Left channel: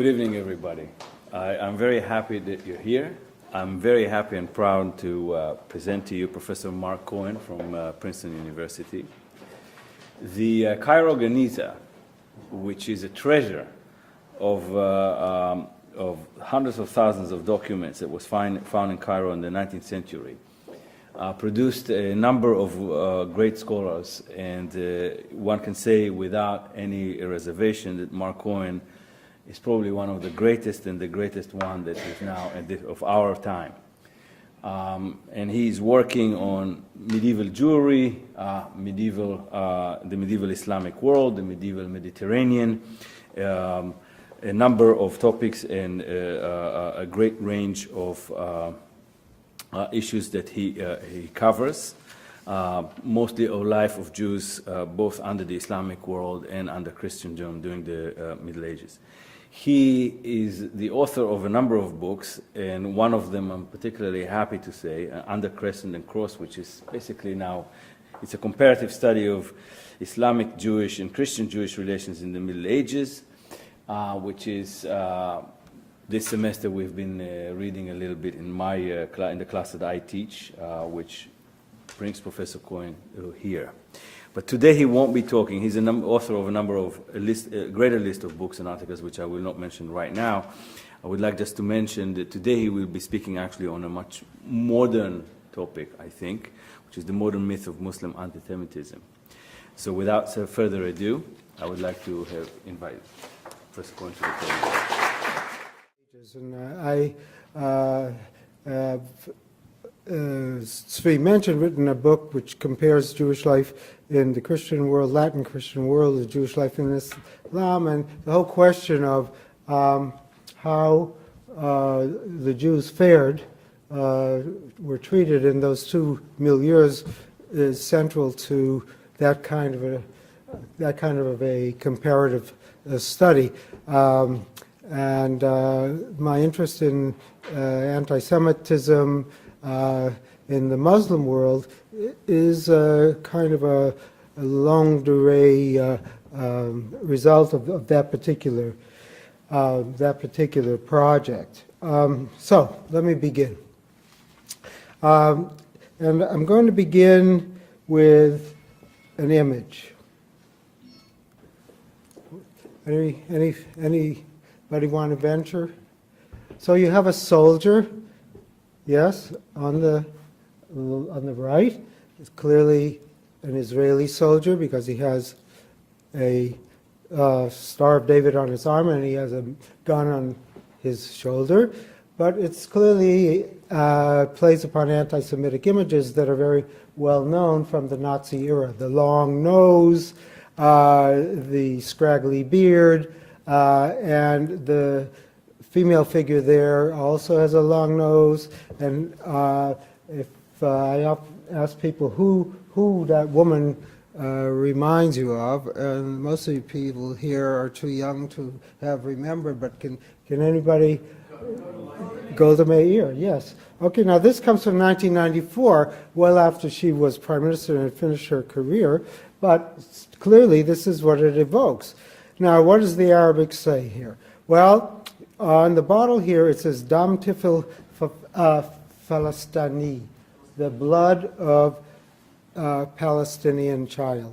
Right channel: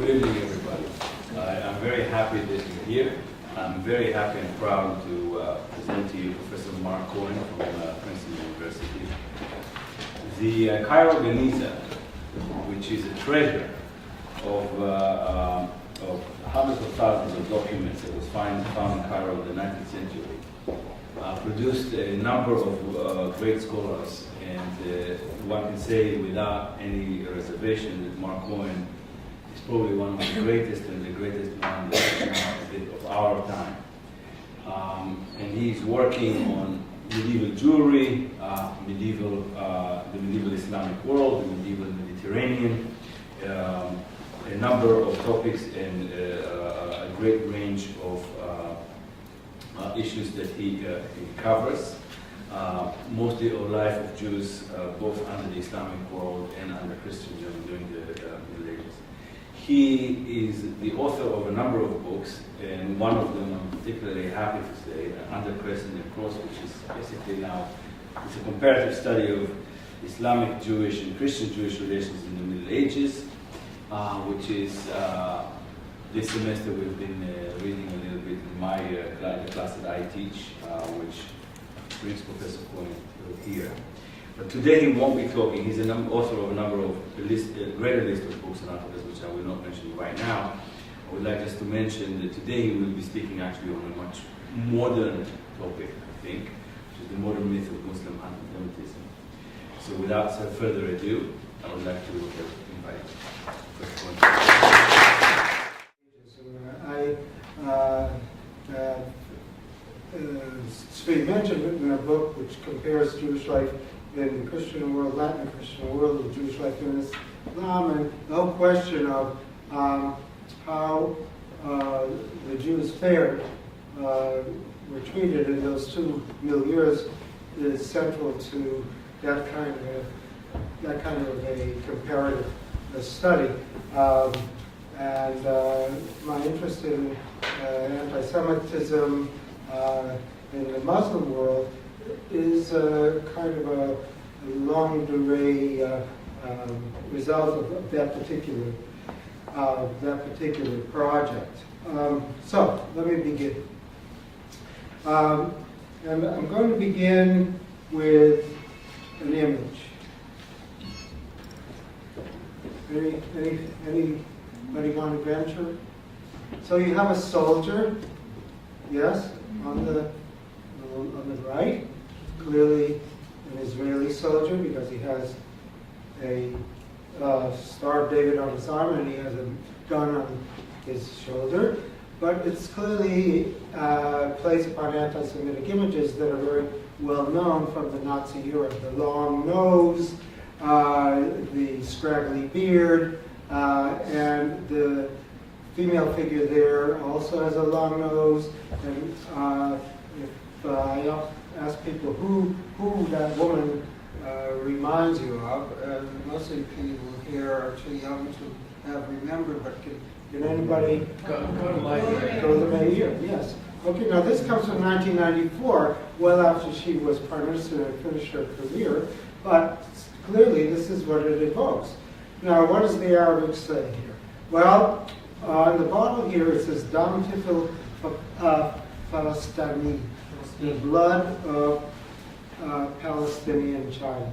Good evening, everybody. I'm very happy that you're here. I'm very happy and proud to present to you Professor Mark Cohen from Princeton University. The Cairo Geniza, which is a treasure of hundreds of thousands of documents that was found in Cairo in the 19th century, produced a number of great scholars, and one can say without any reservation that Mark Cohen is probably one of the greatest and the greatest one that is now of our time. And he's working on medieval Jewry, the medieval Islamic world, the medieval Mediterranean, a number of topics and a great range of issues that he covers, mostly of life of Jews, both under the Islamic world and under Christendom during the Middle Ages. He is the author of a number of books, and one of them I'm particularly happy to say, Under Crescent and Cross, which is basically now, it's a comparative study of Islamic Jewish and Christian Jewish relations in the Middle Ages, which is this semester we've been reading a little bit in my in the class that I teach, which brings Professor Cohen here. But today he won't be talking. He's an author of a number of a greater list of books and articles, which I will not mention right now. I would like just to mention that today he will be speaking actually on a much modern topic, I think, which is the modern myth of Muslim anti-Semitism. So without further ado, I would like to invite Professor Cohen. Tzvi mentioned, written a book which compares Jewish life in the Christian world, Latin Christian world, with Jewish life in Islam, and the whole question of how the Jews fared, were treated in those two milieus is central to that kind of a comparative study. And my interest in anti-Semitism in the Muslim world is kind of a longue durée result of that particular project. So let me begin, and I'm going to begin with an image. Anybody want to venture? So you have a soldier, yes, on the right. It's clearly an Israeli soldier because he has a Star of David on his arm and he has a gun on his shoulder. But it's clearly plays upon anti-Semitic images that are very well known from the Nazi era. The long nose, the scraggly beard, and the female figure there also has a long nose. And if I ask people who that woman reminds you of, and most of the people here are too young to have remembered, but can anybody? Golda Meir, yes. Okay, now this comes from 1994, well after she was prime minister and had finished her career, but clearly this is what it evokes. Now, what does the Arabic say here? Well, on the bottle here it says Dam Tifil Falastani, the blood of a Palestinian child.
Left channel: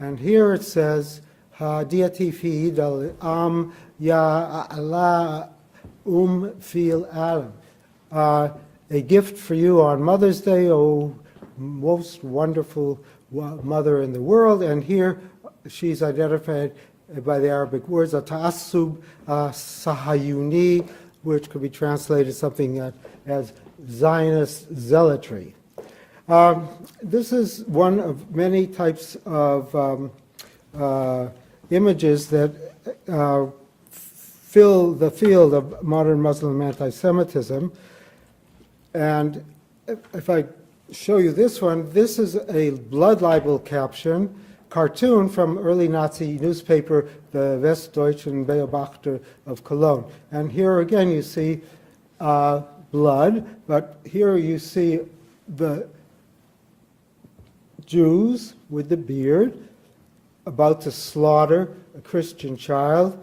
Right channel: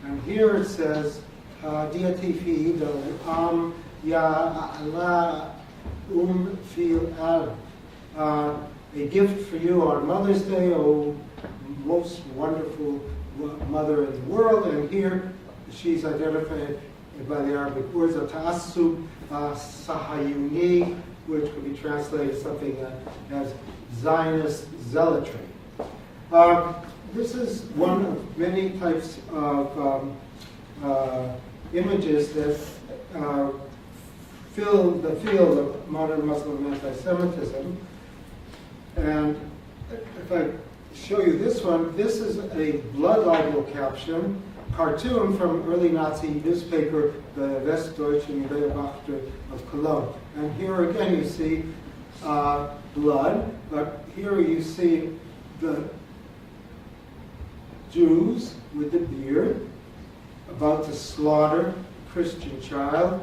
And here it says Diati fi dal am ya Allah fil alam. A gift for you on Mother's Day, O most wonderful mother in the world. And here she's identified by the Arabic words Ta'assub Sahayuni, which could be translated something as Zionist zealotry. This is one of many types of images that fill the field of modern Muslim anti-Semitism. And if I show you this one, this is a blood libel caption cartoon from early Nazi newspaper, the Westdeutschen Beobachter of Cologne. And here again you see blood, but here you see the Jews with the beard about to slaughter a Christian child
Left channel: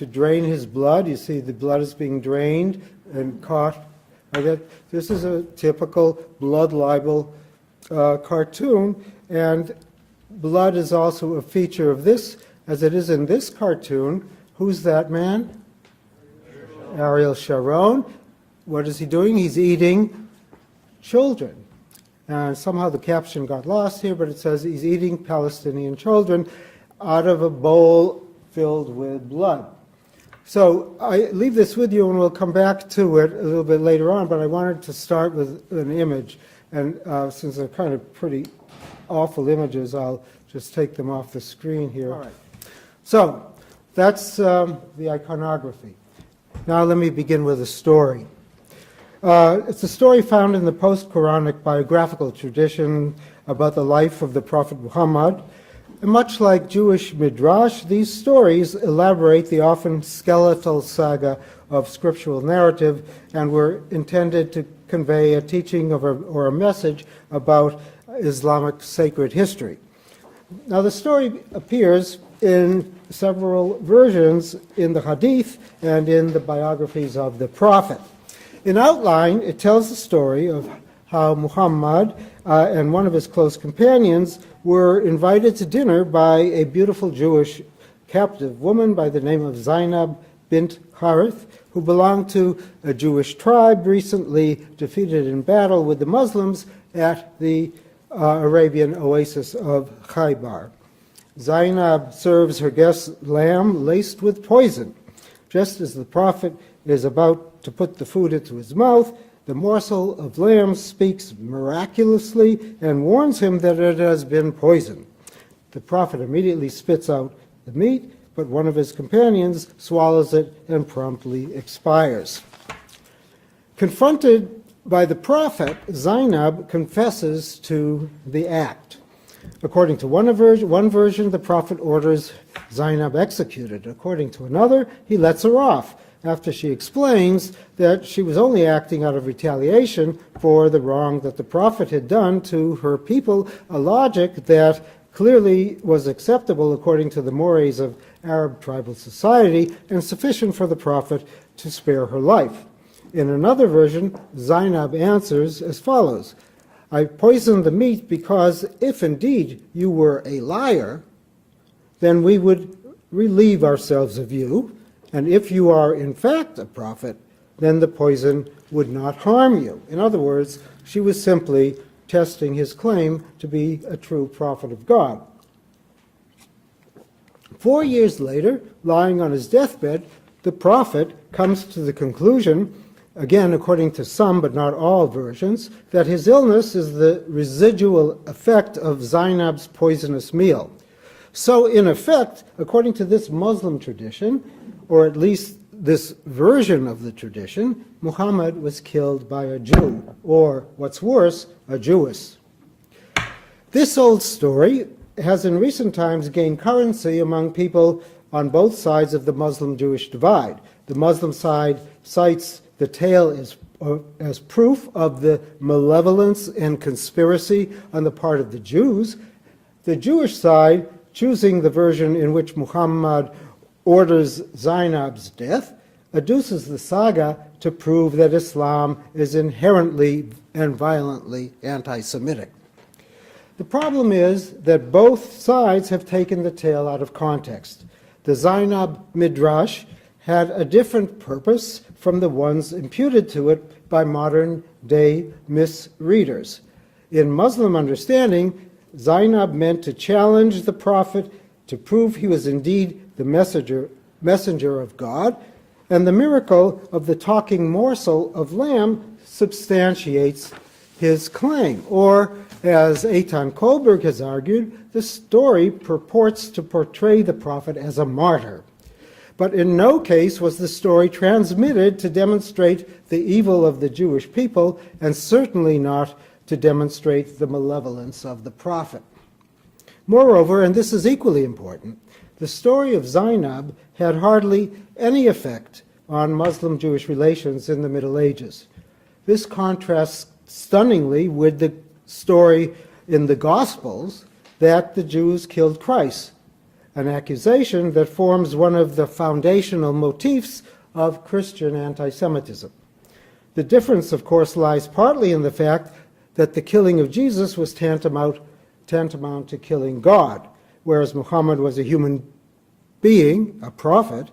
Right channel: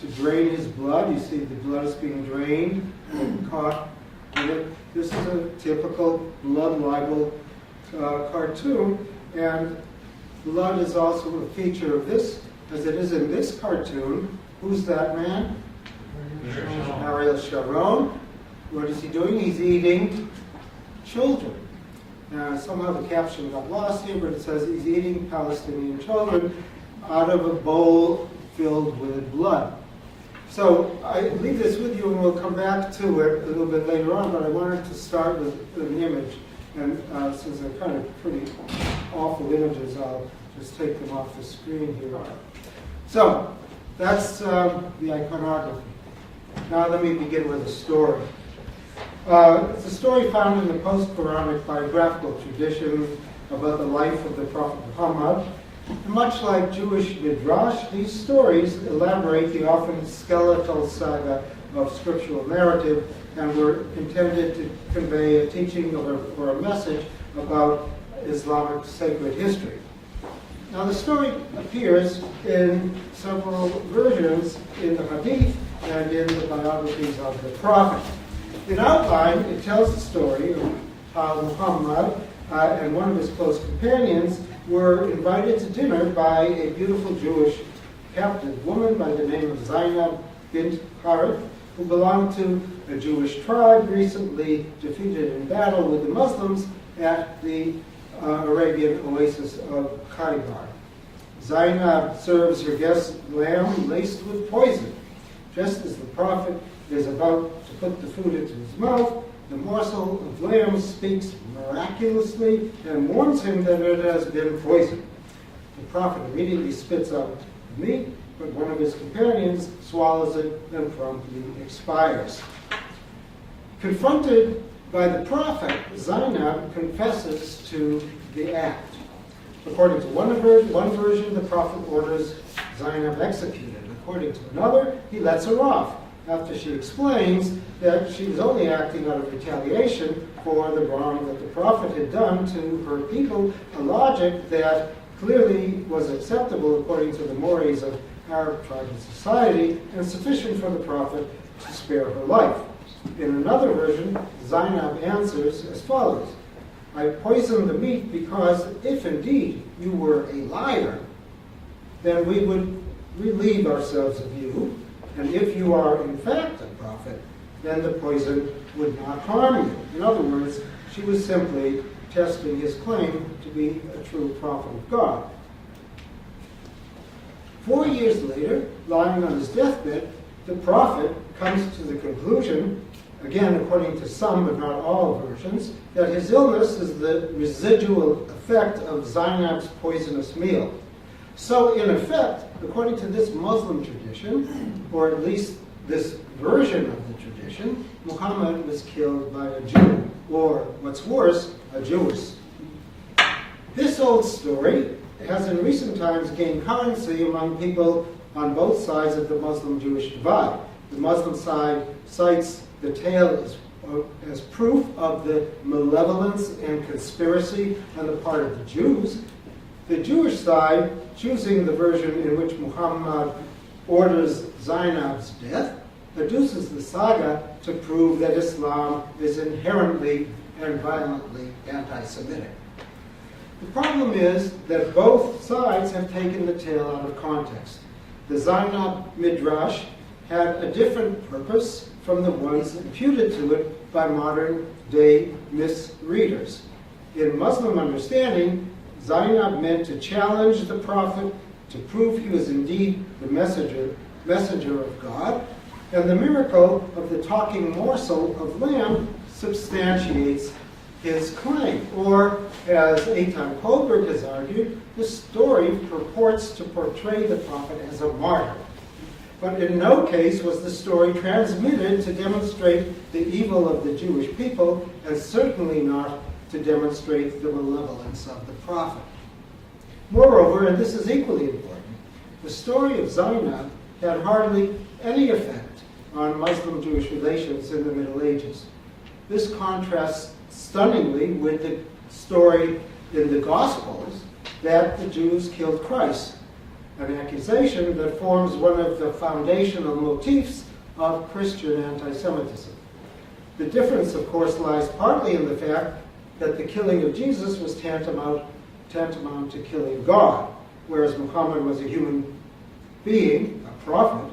to drain his blood. You see the blood is being drained and caught. Okay. This is a typical blood libel cartoon, and blood is also a feature of this, as it is in this cartoon. Who's that man? Ariel Sharon. What is he doing? He's eating children. Somehow the caption got lost here, but it says he's eating Palestinian children out of a bowl filled with blood. So I leave this with you, and we'll come back to it a little bit later on, but I wanted to start with an image. And since they're kind of pretty awful images, I'll just take them off the screen here. So that's the iconography. Now let me begin with a story. It's a story found in the post-Quranic biographical tradition about the life of the Prophet Muhammad. And much like Jewish midrash, these stories elaborate the often skeletal saga of scriptural narrative and were intended to convey a teaching or a message about Islamic sacred history. Now the story appears in several versions in the Hadith and in the biographies of the Prophet. In outline, it tells the story of how Muhammad and one of his close companions were invited to dinner by a beautiful Jewish captive woman by the name of Zainab bint Harith, who belonged to a Jewish tribe recently defeated in battle with the Muslims at the Arabian oasis of Khaybar. Zainab serves her guests lamb laced with poison. Just as the Prophet is about to put the food into his mouth, the morsel of lamb speaks miraculously and warns him that it has been poisoned. The Prophet immediately spits out the meat, but one of his companions swallows it and promptly expires. Confronted by the Prophet, Zainab confesses to the act. According to one version, the Prophet orders Zainab executed. According to another, he lets her off after she explains that she was only acting out of retaliation for the wrong that the Prophet had done to her people, a logic that clearly was acceptable according to the mores of Arab tribal society and sufficient for the Prophet to spare her life. In another version, Zainab answers as follows: I poisoned the meat because if indeed you were a liar, then we would relieve ourselves of you. And if you are in fact a prophet, then the poison would not harm you. In other words, she was simply testing his claim to be a true prophet of God. 4 years later, lying on his deathbed, the prophet comes to the conclusion, again according to some but not all versions, that his illness is the residual effect of Zainab's poisonous meal. So, in effect, according to this Muslim tradition, or at least this version of the tradition, Muhammad was killed by a Jew, or what's worse, a Jewess. This old story has in recent times gained currency among people on both sides of the Muslim-Jewish divide. The Muslim side cites the tale as proof of the malevolence and conspiracy on the part of the Jews. The Jewish side, choosing the version in which Muhammad orders Zainab's death, adduces the saga to prove that Islam is inherently and violently anti-Semitic. The problem is that both sides have taken the tale out of context. The Zainab Midrash had a different purpose from the ones imputed to it by modern-day misreaders. In Muslim understanding, Zainab meant to challenge the Prophet to prove he was indeed the messenger of God, and the miracle of the talking morsel of lamb substantiates his claim. Or, as Eitan Kohlberg has argued, the story purports to portray the Prophet as a martyr. But in no case was the story transmitted to demonstrate the evil of the Jewish people, and certainly not to demonstrate the malevolence of the Prophet. Moreover, and this is equally important, the story of Zainab had hardly any effect on Muslim-Jewish relations in the Middle Ages. This contrasts stunningly with the story in the Gospels that the Jews killed Christ. an accusation that forms one of the foundational motifs of Christian anti-Semitism. The difference, of course, lies partly in the fact that the killing of Jesus was tantamount to killing God, whereas Muhammad was a human being, a prophet,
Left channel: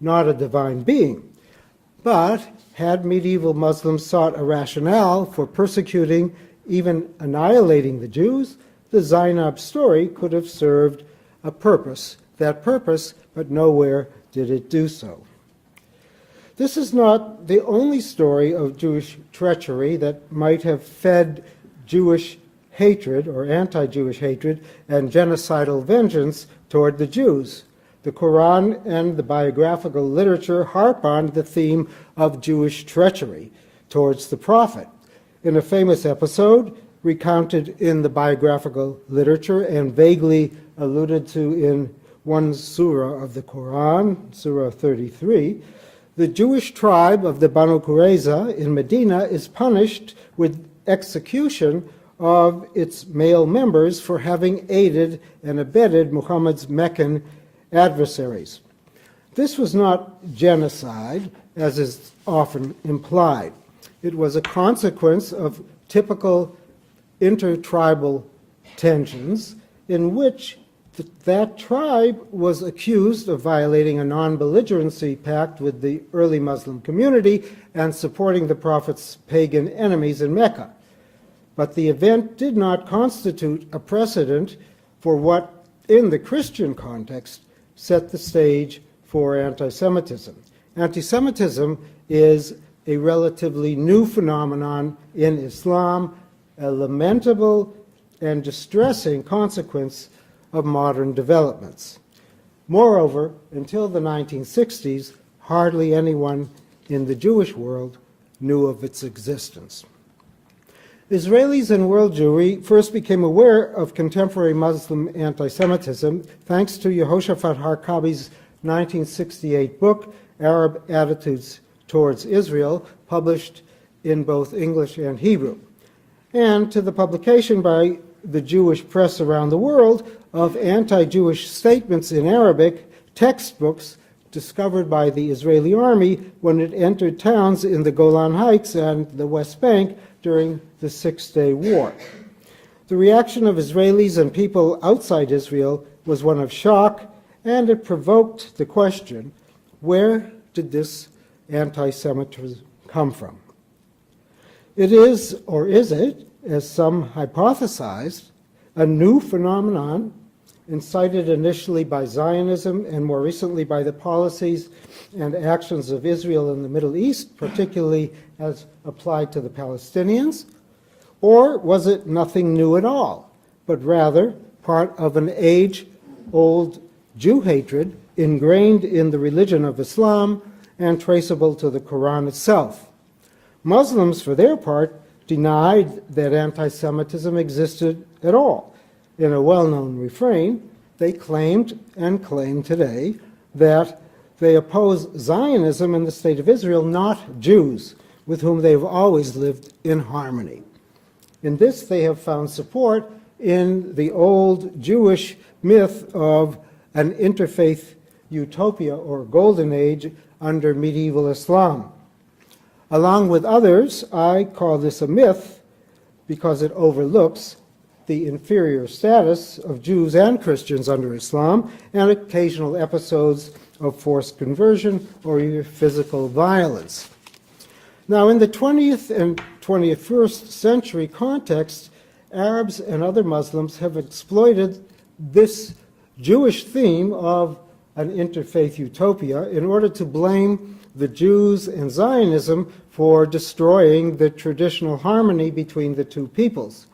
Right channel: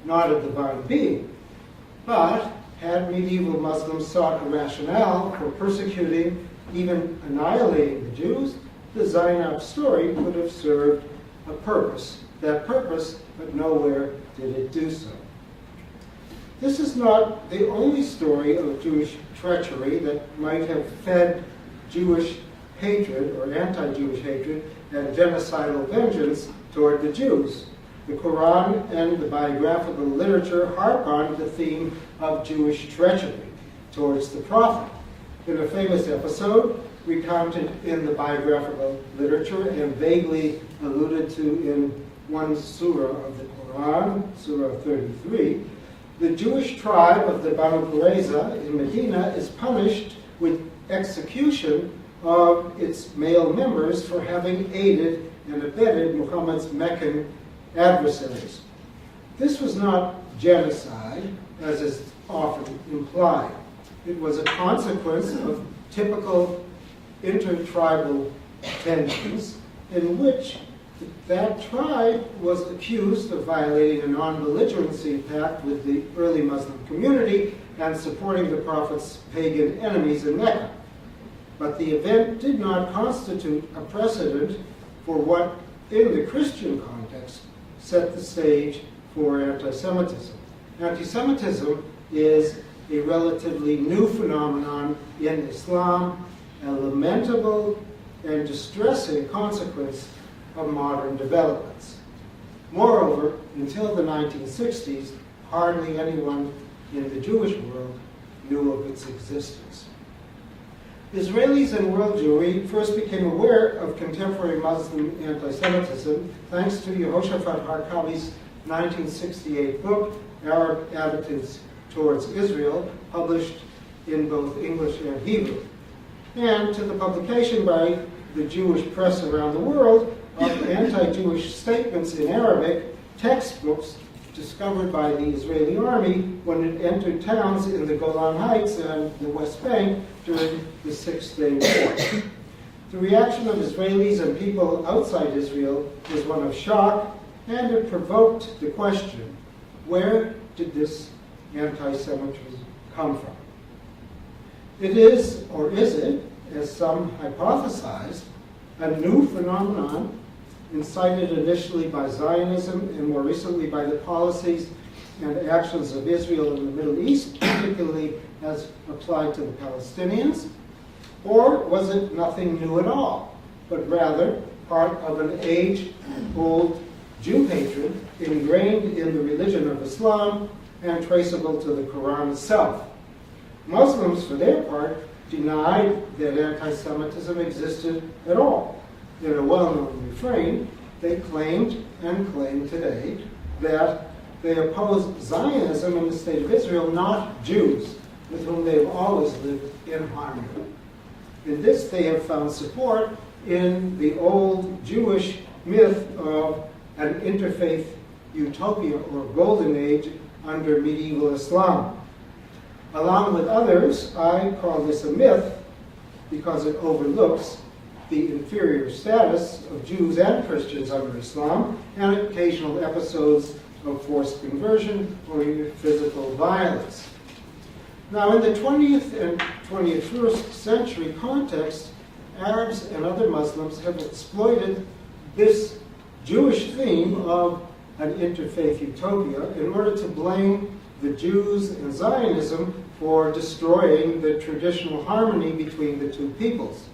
not a divine being. But had medieval Muslims sought a rationale for persecuting, even annihilating the Jews, the Zainab story could have served a purpose. That purpose, but nowhere did it do so. This is not the only story of Jewish treachery that might have fed Jewish hatred or anti-Jewish hatred and genocidal vengeance toward the Jews. The Qur'an and the biographical literature harp on the theme of Jewish treachery towards the prophet. In a famous episode recounted in the biographical literature and vaguely alluded to in one surah of the Qur'an, Surah 33, the Jewish tribe of the Banu Qurayza in Medina is punished with execution of its male members for having aided and abetted Muhammad's Meccan adversaries. This was not genocide, as is often implied. It was a consequence of typical intertribal tensions in which that tribe was accused of violating a non-belligerency pact with the early Muslim community and supporting the Prophet's pagan enemies in Mecca. But the event did not constitute a precedent for what, in the Christian context, set the stage for anti-Semitism. Anti-Semitism is a relatively new phenomenon in Islam, a lamentable and distressing consequence of modern developments. Moreover, until the 1960s, hardly anyone in the Jewish world knew of its existence. Israelis and world Jewry first became aware of contemporary Muslim anti-Semitism thanks to Yehoshaphat Harkabi's 1968 book, Arab Attitudes Towards Israel, published in both English and Hebrew, and to the publication by the Jewish press around the world of anti-Jewish statements in Arabic, textbooks discovered by the Israeli army when it entered towns in the Golan Heights and the West Bank during the Six-Day War. The reaction of Israelis and people outside Israel was one of shock, and it provoked the question, where did this anti-Semitism come from? It is, or is it, as some hypothesized, a new phenomenon incited initially by Zionism and more recently by the policies and actions of Israel in the Middle East, particularly as applied to the Palestinians? Or was it nothing new at all, but rather part of an age-old Jew hatred ingrained in the religion of Islam and traceable to the Qur'an itself? Muslims, for their part, denied that anti-Semitism existed at all. In a well-known refrain, they claimed and claim today that they oppose Zionism in the state of Israel, not Jews, with whom they've always lived in harmony. In this, they have found support in the old Jewish myth of an interfaith utopia or golden age under medieval Islam. Along with others, I call this a myth because it overlooks the inferior status of Jews and Christians under Islam and occasional episodes of forced conversion or even physical violence. Now, in the 20th and 21st century context, Arabs and other Muslims have exploited this Jewish theme of an interfaith utopia in order to blame the Jews and Zionism for destroying the traditional harmony between the two peoples.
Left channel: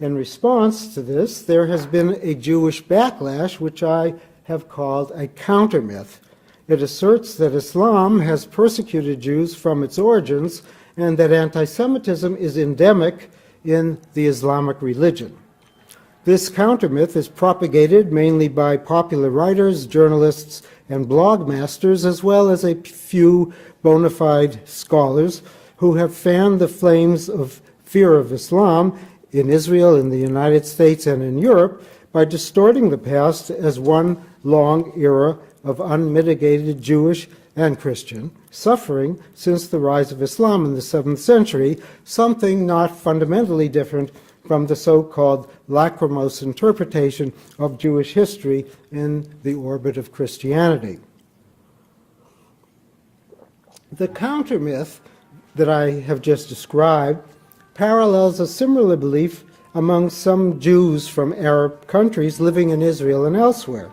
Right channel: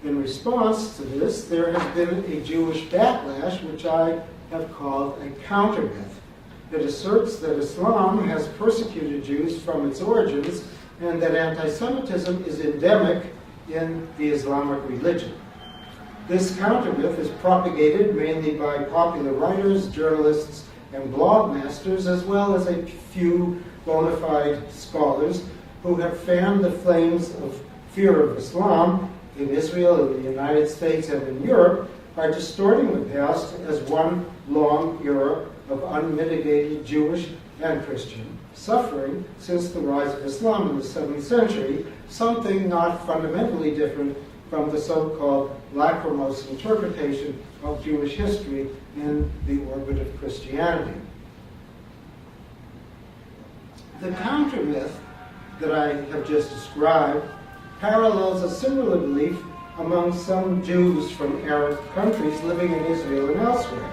In response to this, there has been a Jewish backlash, which I have called a counter-myth. It asserts that Islam has persecuted Jews from its origins and that anti-Semitism is endemic in the Islamic religion. This counter-myth is propagated mainly by popular writers, journalists, and blog masters, as well as a few bona fide scholars who have fanned the flames of fear of Islam in Israel, in the United States, and in Europe by distorting the past as one long era of unmitigated Jewish and Christian suffering since the rise of Islam in the 7th century, something not fundamentally different from the so-called lachrymose interpretation of Jewish history in the orbit of Christianity. The counter-myth that I have just described parallels a similar belief among some Jews from Arab countries living in Israel and elsewhere,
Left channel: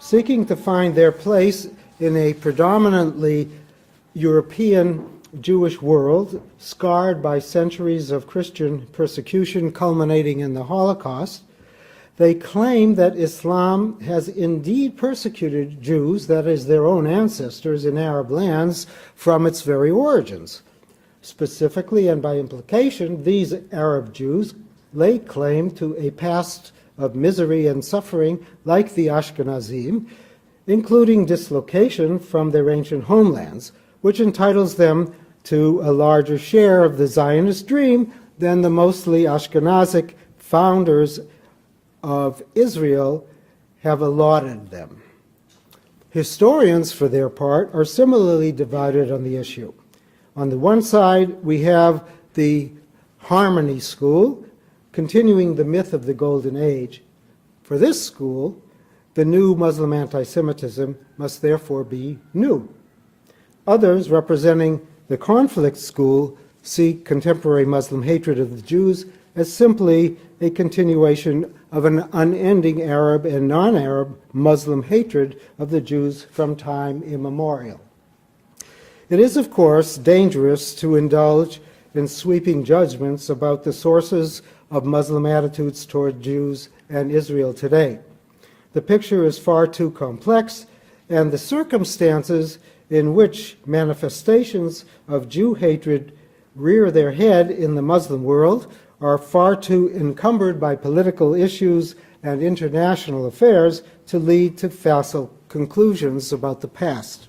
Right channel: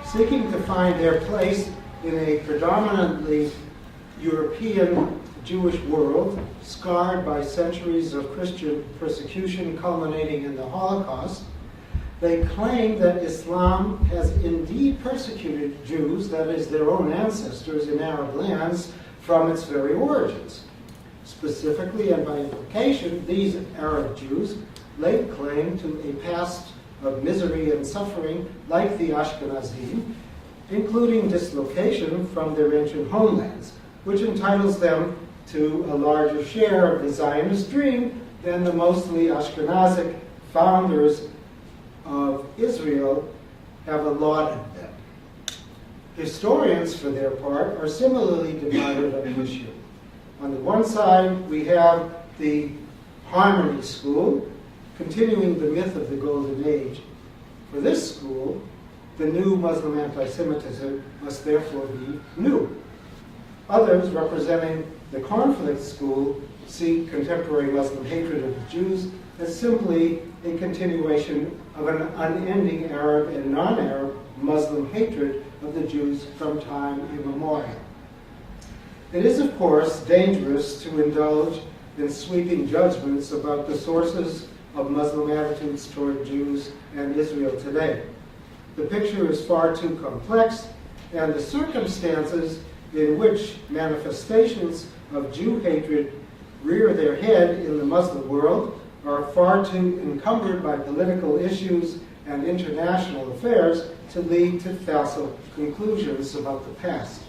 seeking to find their place in a predominantly European Jewish world scarred by centuries of Christian persecution culminating in the Holocaust. They claim that Islam has indeed persecuted Jews, that is, their own ancestors in Arab lands, from its very origins. Specifically, and by implication, these Arab Jews lay claim to a past of misery and suffering like the Ashkenazim, including dislocation from their ancient homelands, which entitles them to a larger share of the Zionist dream than the mostly Ashkenazic founders of Israel have allotted them. Historians, for their part, are similarly divided on the issue. On the one side, we have the Harmony School, continuing the myth of the Golden Age. For this school, the new Muslim anti-Semitism must therefore be new. Others, representing the conflict school, see contemporary Muslim hatred of the Jews as simply a continuation of an unending Arab and non-Arab Muslim hatred of the Jews from time immemorial. It is, of course, dangerous to indulge in sweeping judgments about the sources of Muslim attitudes toward Jews and Israel today. The picture is far too complex, and the circumstances in which manifestations of Jew hatred rear their head in the Muslim world are far too encumbered by political issues and international affairs to lead to facile conclusions about the past.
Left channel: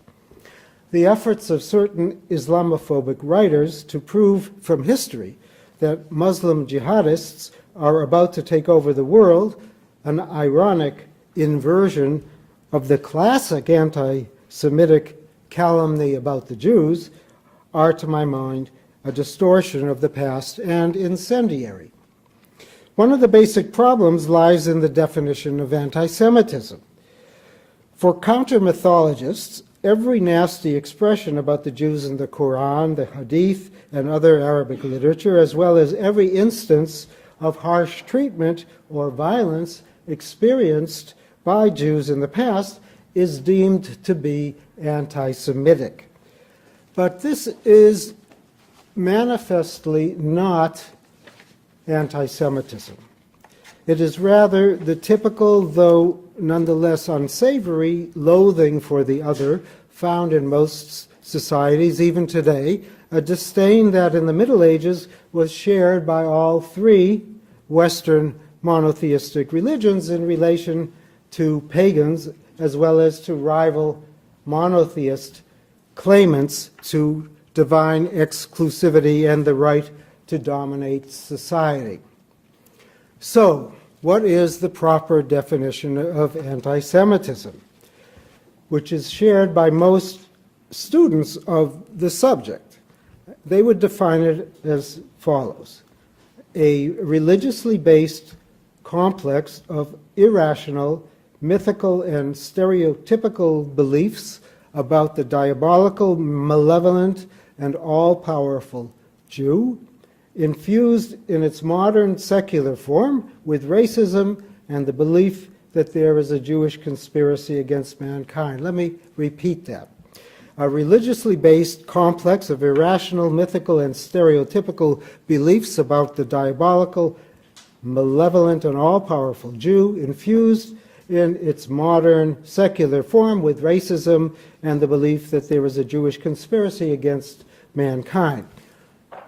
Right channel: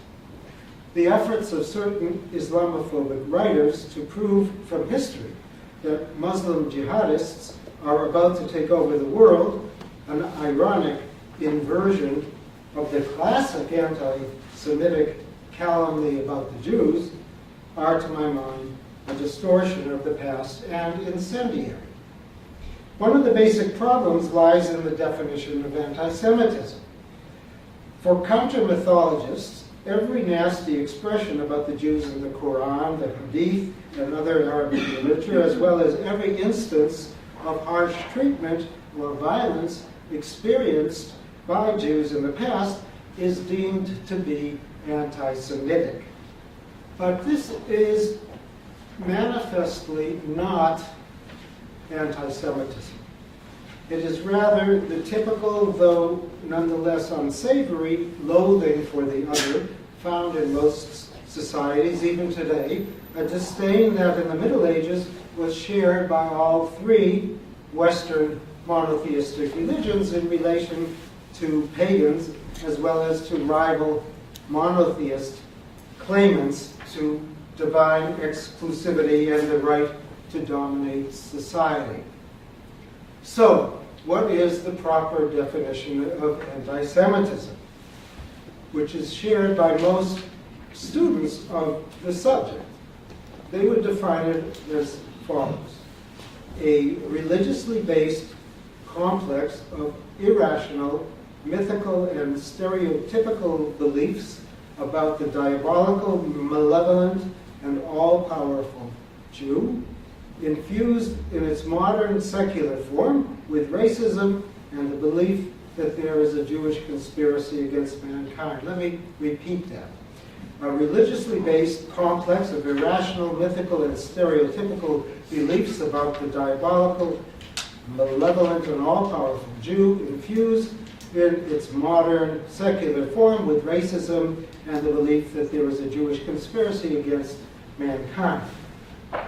The efforts of certain Islamophobic writers to prove from history that Muslim jihadists are about to take over the world, an ironic inversion of the classic anti-Semitic calumny about the Jews, are, to my mind, a distortion of the past and incendiary. One of the basic problems lies in the definition of anti-Semitism. For counter-mythologists, every nasty expression about the Jews in the Qur'an, the Hadith, and other Arabic literature, as well as every instance of harsh treatment or violence experienced by Jews in the past, is deemed to be anti-Semitic. But this is manifestly not anti-Semitism. It is rather the typical, though nonetheless unsavory, loathing for the other found in most societies, even today, a disdain that in the Middle Ages was shared by all three Western monotheistic religions in relation to pagans, as well as to rival monotheist claimants to divine exclusivity and the right to dominate society. So, what is the proper definition of anti-Semitism, which is shared by most students of the subject? They would define it as follows: a religiously based complex of irrational, mythical, and stereotypical beliefs about the diabolical, malevolent, and all-powerful Jew, infused in its modern secular form with racism and the belief that there is a Jewish conspiracy against mankind. Let me repeat that. A religiously based complex of irrational, mythical, and stereotypical beliefs about the diabolical, malevolent, and all-powerful Jew, infused in its modern secular form with racism and the belief that there is a Jewish conspiracy against mankind.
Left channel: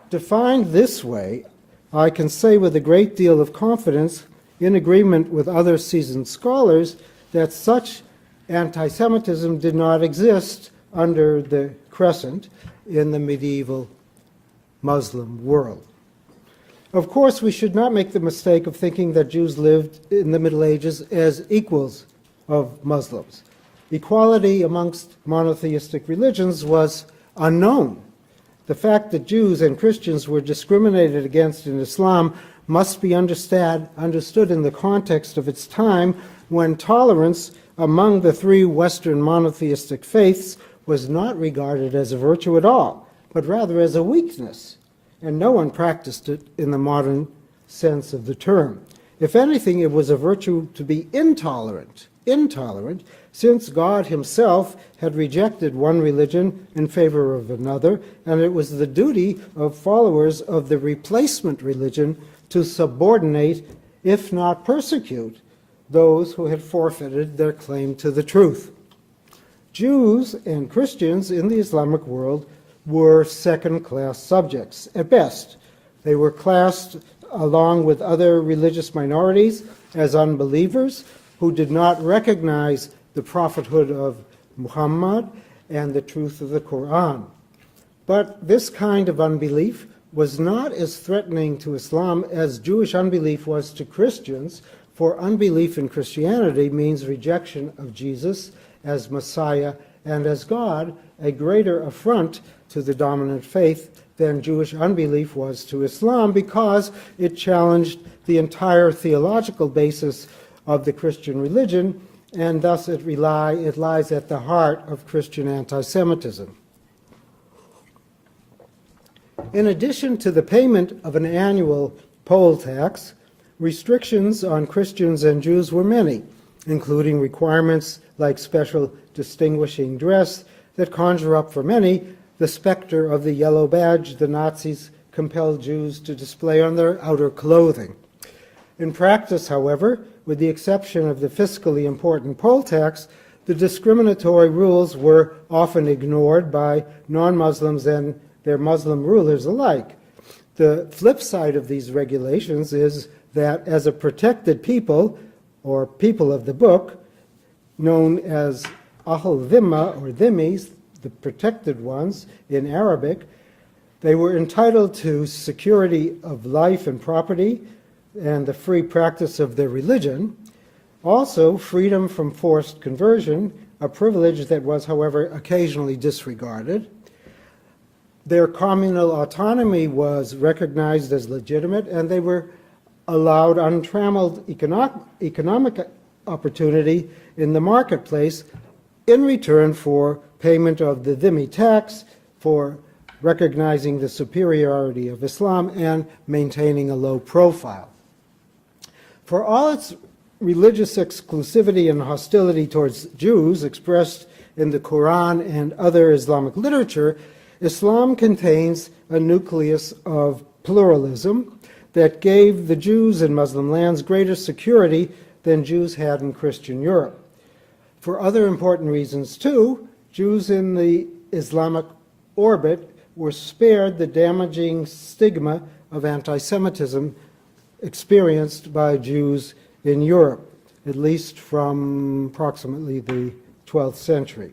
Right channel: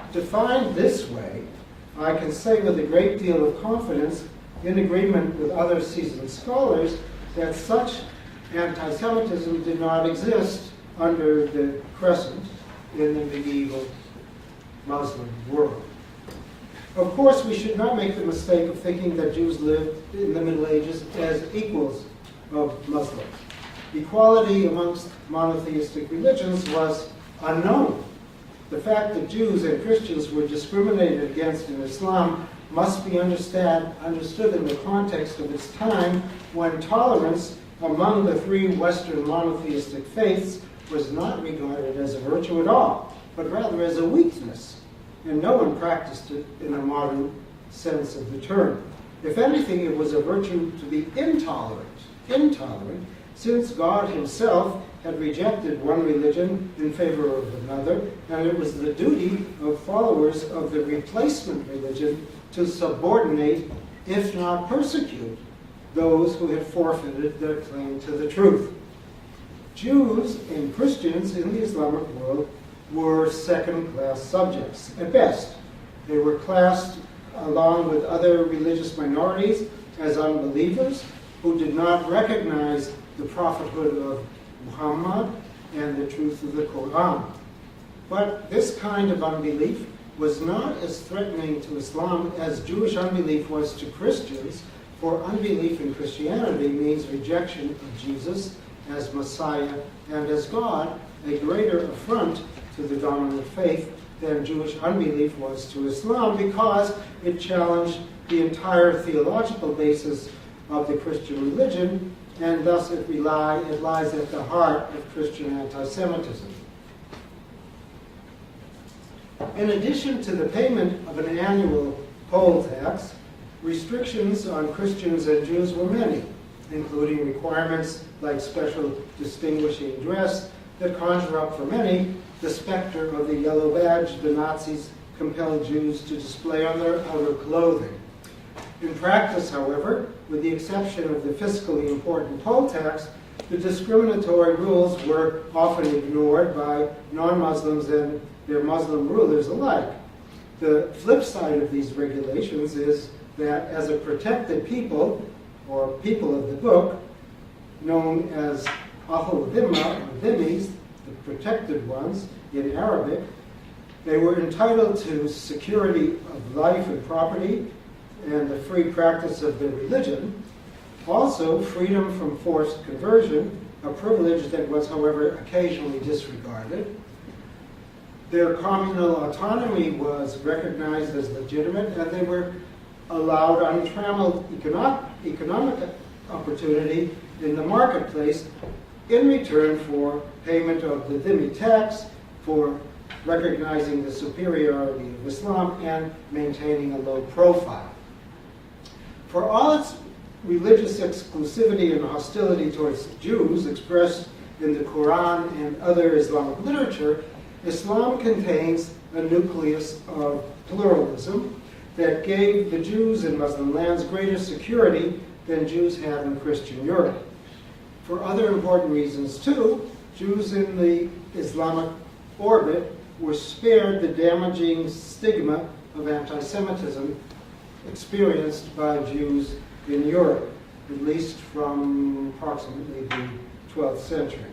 Defined this way, I can say with a great deal of confidence, in agreement with other seasoned scholars, that such anti-Semitism did not exist under the crescent in the medieval Muslim world. Of course, we should not make the mistake of thinking that Jews lived in the Middle Ages as equals of Muslims. Equality amongst monotheistic religions was unknown. The fact that Jews and Christians were discriminated against in Islam must be understood in the context of its time, when tolerance among the three Western monotheistic faiths was not regarded as a virtue at all, but rather as a weakness, and no one practiced it in the modern sense of the term. If anything, it was a virtue to be intolerant, since God himself had rejected one religion in favor of another, and it was the duty of followers of the replacement religion to subordinate, if not persecute, those who had forfeited their claim to the truth. Jews and Christians in the Islamic world were second-class subjects at best. They were classed along with other religious minorities as unbelievers who did not recognize the prophethood of Muhammad and the truth of the Qur'an. But this kind of unbelief was not as threatening to Islam as Jewish unbelief was to Christians, for unbelief in Christianity means rejection of Jesus as Messiah and as God, a greater affront to the dominant faith than Jewish unbelief was to Islam, because it challenged the entire theological basis of the Christian religion, and thus it lies at the heart of Christian anti-Semitism. In addition to the payment of an annual poll tax, restrictions on Christians and Jews were many, including requirements like special distinguishing dress that conjure up for many the specter of the yellow badge the Nazis compelled Jews to display on their outer clothing. In practice, however, with the exception of the fiscally important poll tax, the discriminatory rules were often ignored by non-Muslims and their Muslim rulers alike. The flip side of these regulations is that as a protected people, or people of the book, known as Ahl Dhimma, or Dhimmis, the protected ones in Arabic, they were entitled to security of life and property and the free practice of their religion. Also, freedom from forced conversion, a privilege that was, however, occasionally disregarded. Their communal autonomy was recognized as legitimate, and they were allowed untrammeled economic opportunity in the marketplace in return for payment of the dhimmi tax, for recognizing the superiority of Islam and maintaining a low profile. For all its religious exclusivity and hostility towards Jews expressed in the Qur'an and other Islamic literature, Islam contains a nucleus of pluralism that gave the Jews in Muslim lands greater security than Jews had in Christian Europe. For other important reasons, too, Jews in the Islamic orbit were spared the damaging stigma of anti-Semitism experienced by Jews in Europe, at least from approximately the 12th century.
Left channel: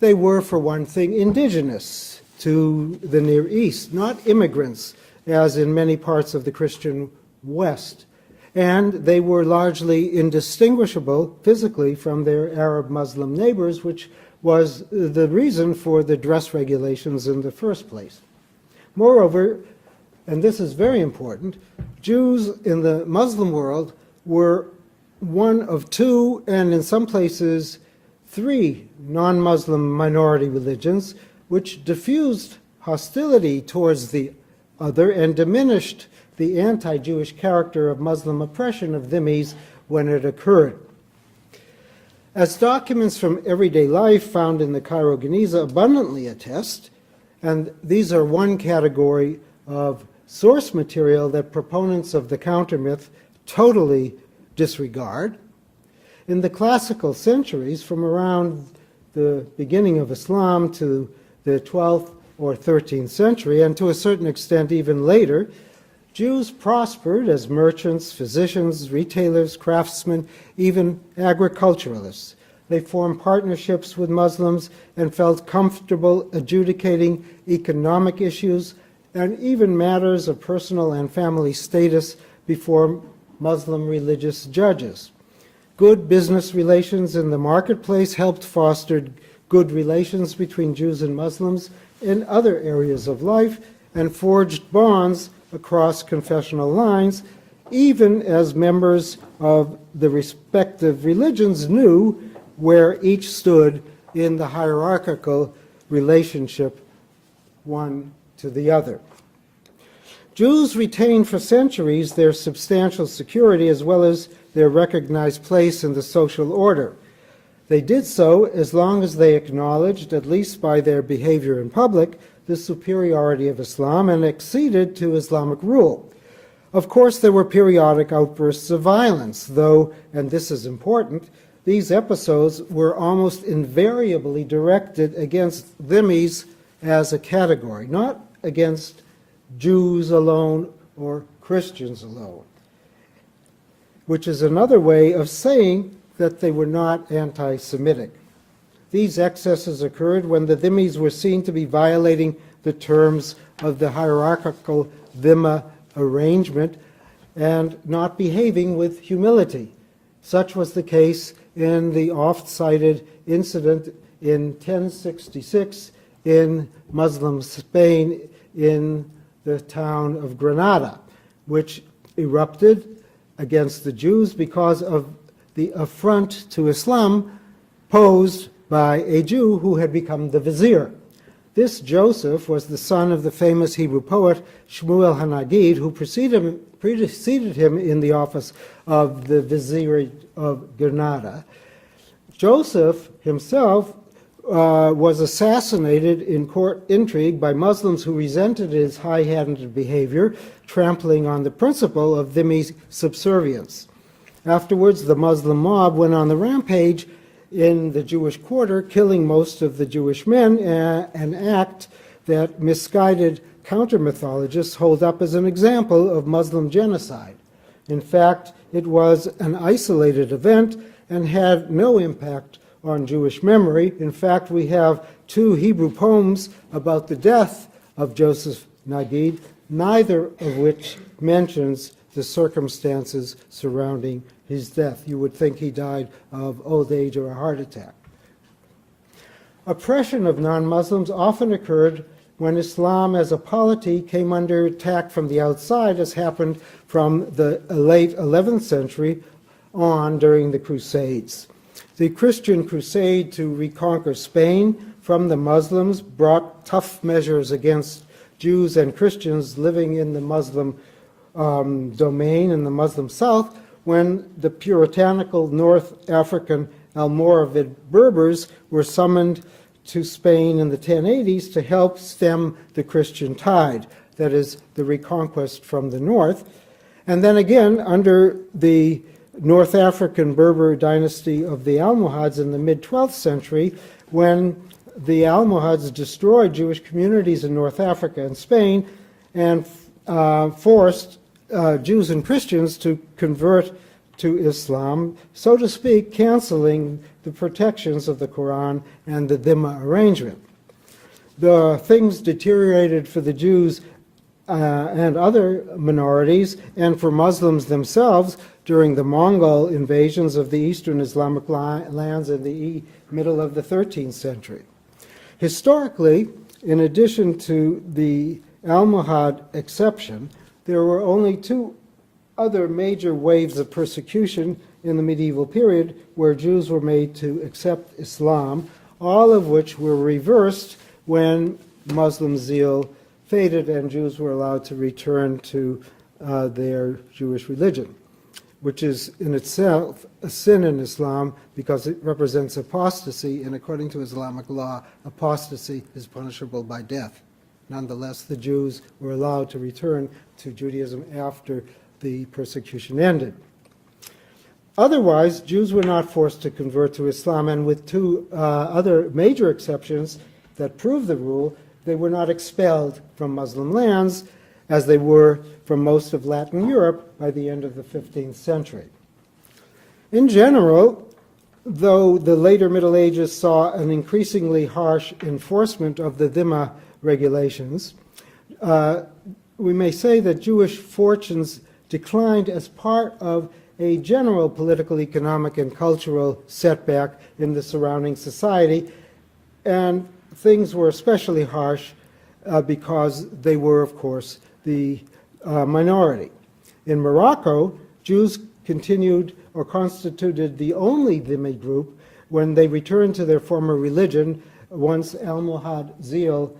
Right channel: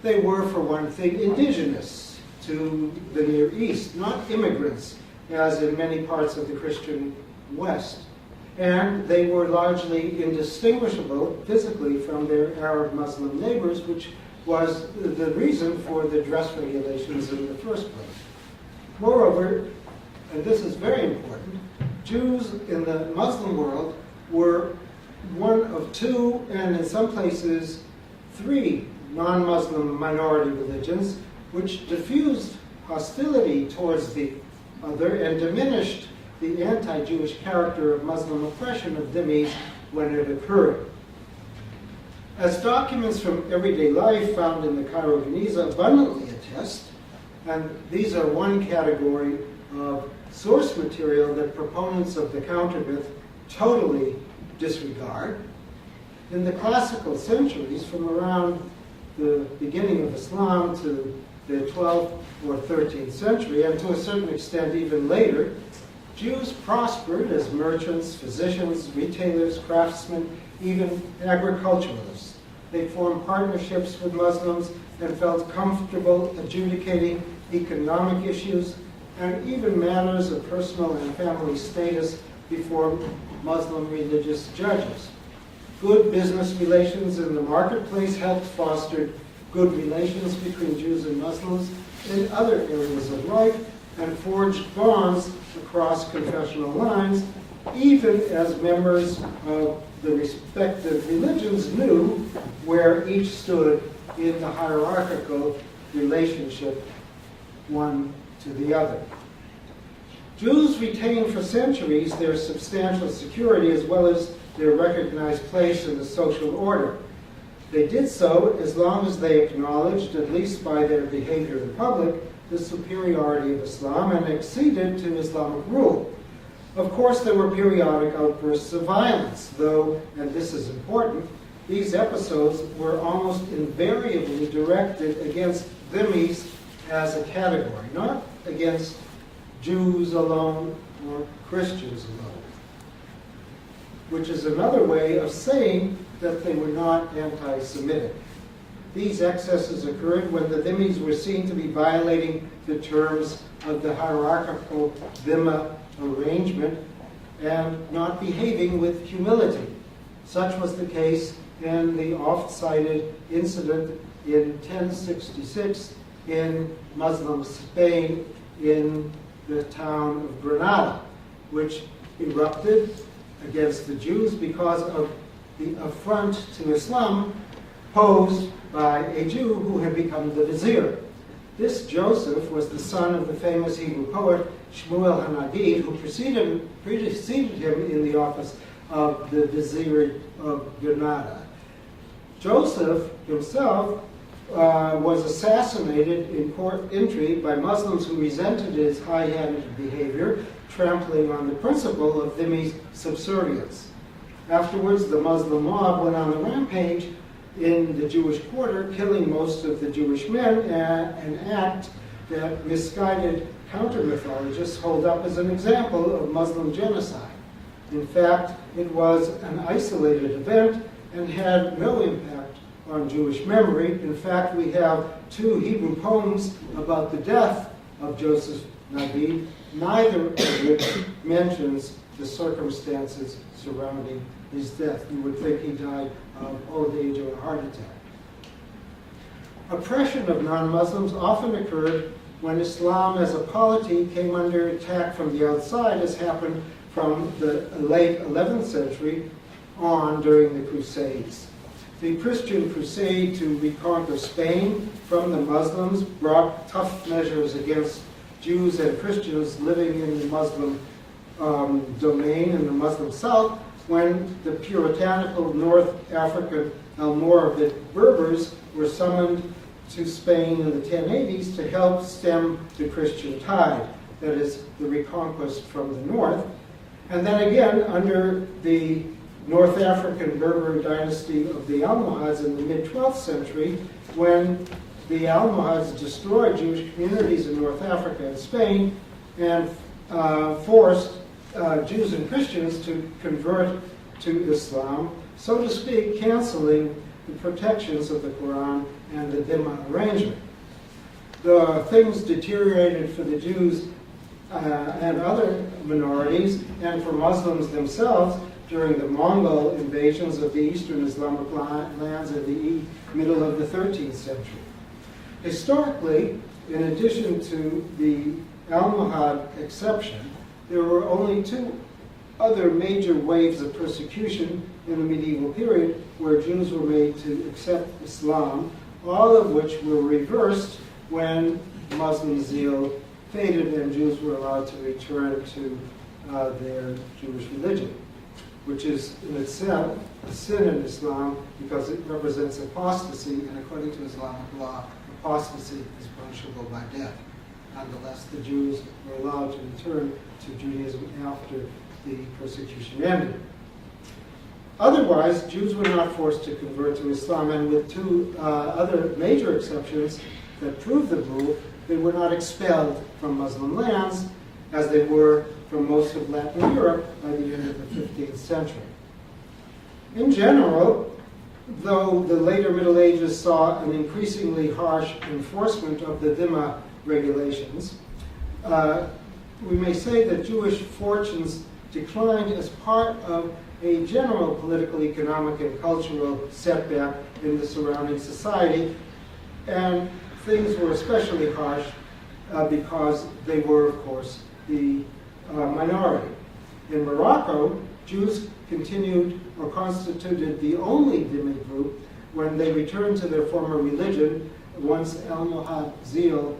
They were, for one thing, indigenous to the Near East, not immigrants, as in many parts of the Christian West. And they were largely indistinguishable physically from their Arab Muslim neighbors, which was the reason for the dress regulations in the first place. Moreover, and this is very important, Jews in the Muslim world were one of two, and in some places, three non-Muslim minority religions, which diffused hostility towards the other and diminished the anti-Jewish character of Muslim oppression of dhimmis when it occurred. As documents from everyday life found in the Cairo Geniza abundantly attest, and these are one category of source material that proponents of the counter-myth totally disregard. In the classical centuries, from around the beginning of Islam to the 12th or 13th century, and to a certain extent even later, Jews prospered as merchants, physicians, retailers, craftsmen, even agriculturalists. They formed partnerships with Muslims and felt comfortable adjudicating economic issues and even matters of personal and family status before Muslim religious judges. Good business relations in the marketplace helped foster good relations between Jews and Muslims in other areas of life and forged bonds across confessional lines, even as members of the respective religions knew where each stood in the hierarchical relationship one to the other. Jews retained for centuries their substantial security as well as their recognized place in the social order. They did so as long as they acknowledged, at least by their behavior in public, the superiority of Islam and acceded to Islamic rule. Of course, there were periodic outbursts of violence, though, and this is important, these episodes were almost invariably directed against dhimmis as a category, not against Jews alone or Christians alone, which is another way of saying that they were not anti-Semitic. These excesses occurred when the dhimmis were seen to be violating the terms of the hierarchical dhimma arrangement and not behaving with humility. Such was the case in the oft-cited incident in 1066 in Muslim Spain in the town of Granada, which erupted against the Jews because of the affront to Islam posed by a Jew who had become the vizier. This Joseph was the son of the famous Hebrew poet Shmuel Hanagid, who preceded him in the office of the vizier of Granada. Joseph himself was assassinated in court intrigue by Muslims who resented his high-handed behavior, trampling on the principle of dhimmi subservience. Afterwards, the Muslim mob went on the rampage in the Jewish quarter, killing most of the Jewish men, an act that misguided counter-mythologists hold up as an example of Muslim genocide. In fact, it was an isolated event and had no impact on Jewish memory. In fact, we have two Hebrew poems about the death of Joseph Nagid, neither of which mentions the circumstances surrounding his death. You would think he died of old age or a heart attack. Oppression of non-Muslims often occurred when Islam as a polity came under attack from the outside, as happened from the late 11th century on during the Crusades. The Christian crusade to reconquer Spain from the Muslims brought tough measures against Jews and Christians living in the Muslim domain in the Muslim South, when the puritanical North African Almoravid Berbers were summoned to Spain in the 1080s to help stem the Christian tide, that is, the reconquest from the north. And then again, under the North African Berber dynasty of the Almohads in the mid-12th century, when the Almohads destroyed Jewish communities in North Africa and Spain and forced Jews and Christians to convert to Islam, so to speak, canceling the protections of the Qur'an and the dhimma arrangement. The things deteriorated for the Jews and other minorities and for Muslims themselves during the Mongol invasions of the eastern Islamic lands in the middle of the 13th century. Historically, in addition to the Almohad exception, there were only two other major waves of persecution in the medieval period where Jews were made to accept Islam, all of which were reversed when Muslim zeal faded and Jews were allowed to return to their Jewish religion, which is in itself a sin in Islam because it represents apostasy, and according to Islamic law, apostasy is punishable by death. Nonetheless, the Jews were allowed to return to Judaism after the persecution ended. Otherwise, Jews were not forced to convert to Islam, and with two other major exceptions that prove the rule, they were not expelled from Muslim lands as they were from most of Latin Europe by the end of the 15th century. In general, though the later Middle Ages saw an increasingly harsh enforcement of the dhimma regulations, we may say that Jewish fortunes declined as part of a general political, economic, and cultural setback in the surrounding society. And things were especially harsh because they were, of course, the minority. In Morocco, Jews continued or constituted the only dhimmi group when they returned to their former religion once Almohad zeal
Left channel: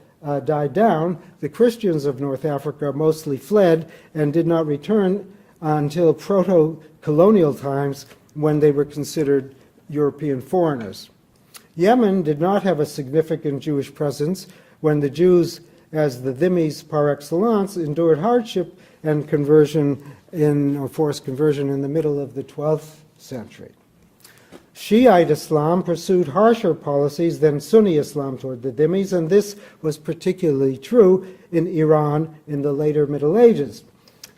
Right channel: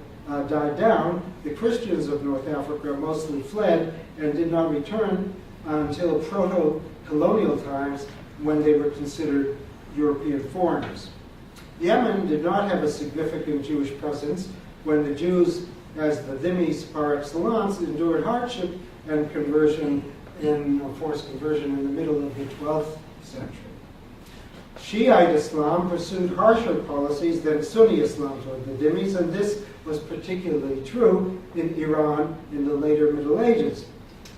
died down. The Christians of North Africa mostly fled and did not return until proto-colonial times when they were considered European foreigners. Yemen did not have a significant Jewish presence when the Jews, as the dhimmis par excellence, endured hardship and forced conversion in the middle of the 12th century. Shiite Islam pursued harsher policies than Sunni Islam toward the dhimmis, and this was particularly true in Iran in the later Middle Ages.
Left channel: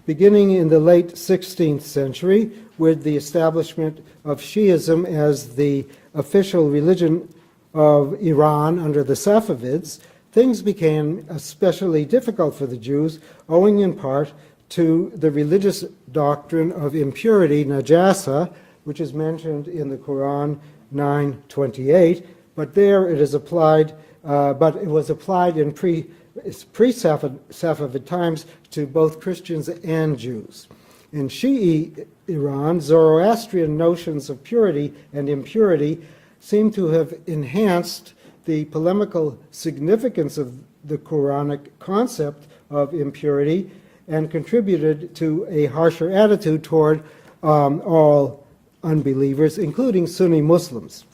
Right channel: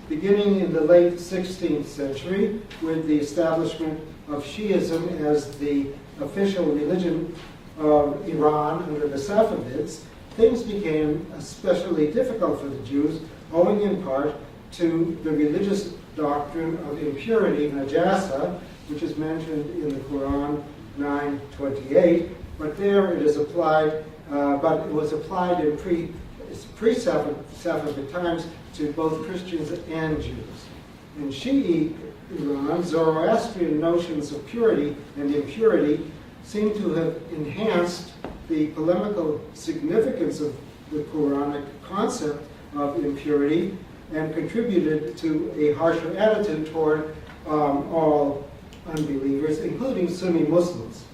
Beginning in the late 16th century, with the establishment of Shiism as the official religion of Iran under the Safavids, things became especially difficult for the Jews, owing in part to the religious doctrine of impurity, najasa, which is mentioned in the Qur'an 9:28, but there it is applied, but it was applied in pre-Safavid times to both Christians and Jews. In Shi'i Iran, Zoroastrian notions of purity and impurity seem to have enhanced the polemical significance of the Quranic concept of impurity and contributed to a harsher attitude toward all unbelievers, including Sunni Muslims.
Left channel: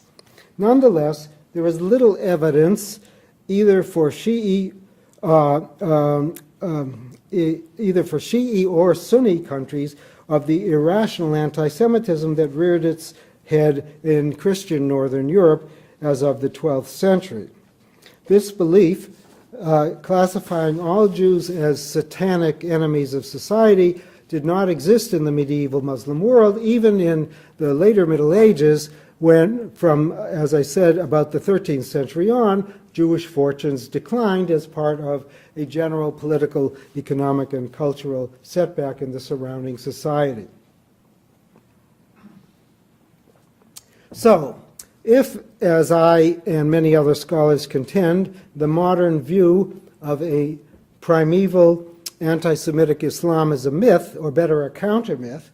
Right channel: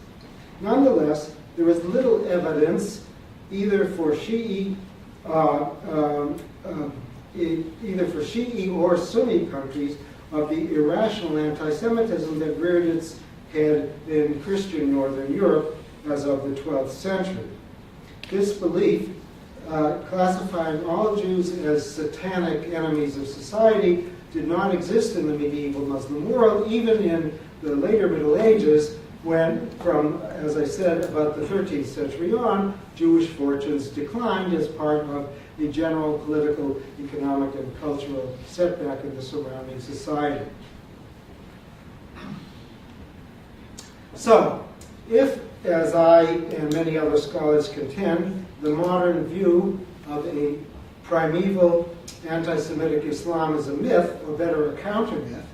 Nonetheless, there is little evidence either for Shi'i or Sunni countries of the irrational anti-Semitism that reared its head in Christian Northern Europe as of the 12th century. This belief, classifying all Jews as satanic enemies of society, did not exist in the medieval Muslim world, even in the later Middle Ages, when, from, as I said, about the 13th century on, Jewish fortunes declined as part of a general political, economic, and cultural setback in the surrounding society. So, if, as I and many other scholars contend, the modern view of a primeval anti-Semitic Islam is a myth, or better, a counter-myth,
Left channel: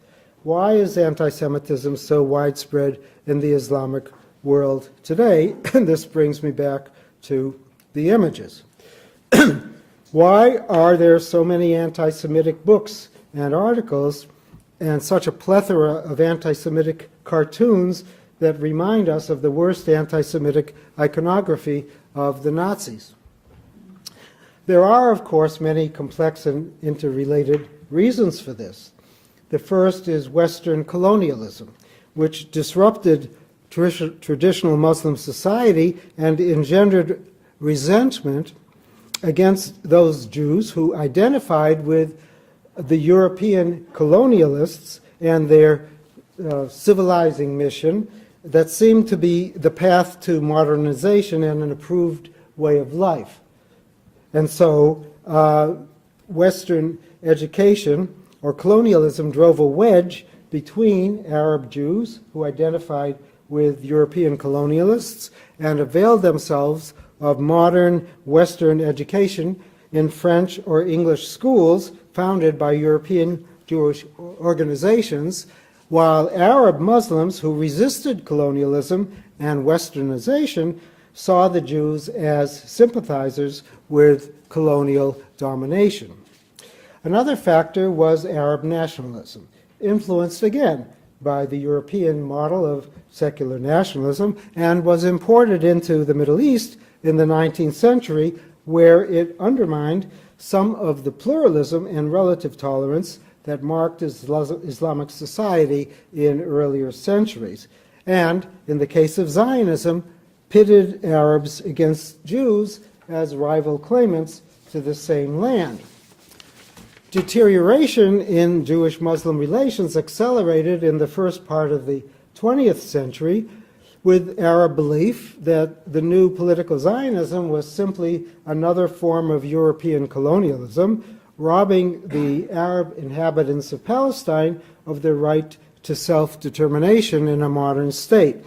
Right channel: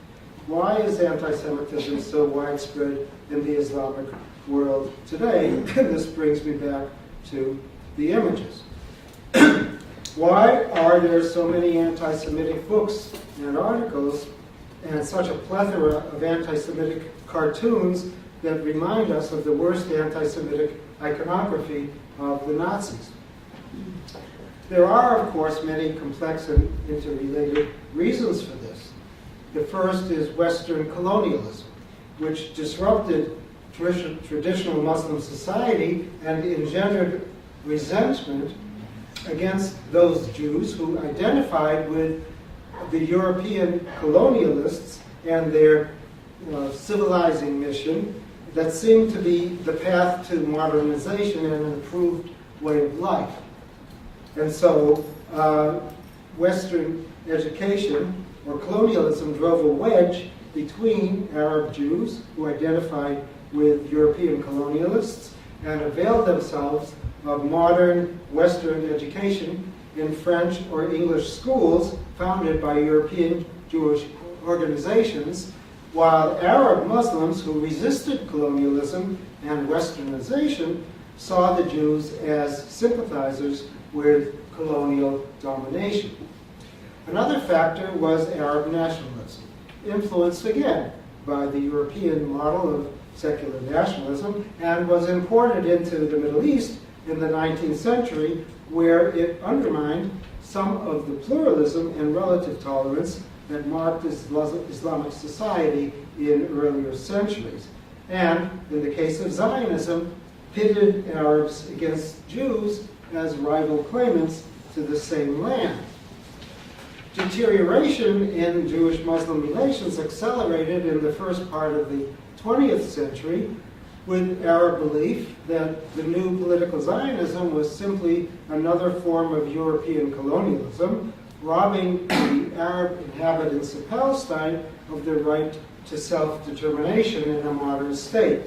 why is anti-Semitism so widespread in the Islamic world today? This brings me back to the images. Why are there so many anti-Semitic books and articles and such a plethora of anti-Semitic cartoons that remind us of the worst anti-Semitic iconography of the Nazis? There are, of course, many complex and interrelated reasons for this. The first is Western colonialism, which disrupted traditional Muslim society and engendered resentment against those Jews who identified with the European colonialists and their civilizing mission that seemed to be the path to modernization and an improved way of life. And so Western education or colonialism drove a wedge between Arab Jews who identified with European colonialists and availed themselves of modern Western education in French or English schools founded by European Jewish organizations, while Arab Muslims who resisted colonialism and Westernization saw the Jews as sympathizers with colonial domination. Another factor was Arab nationalism, influenced again by the European model of secular nationalism, and was imported into the Middle East in the 19th century, where it undermined some of the pluralism and relative tolerance that marked Islamic society in earlier centuries. And in the case of Zionism, pitted Arabs against Jews as rival claimants to the same land. Deterioration in Jewish-Muslim relations accelerated in the first part of the 20th century with Arab belief that the new political Zionism was simply another form of European colonialism, robbing the Arab inhabitants of Palestine of their right to self-determination in a modern state.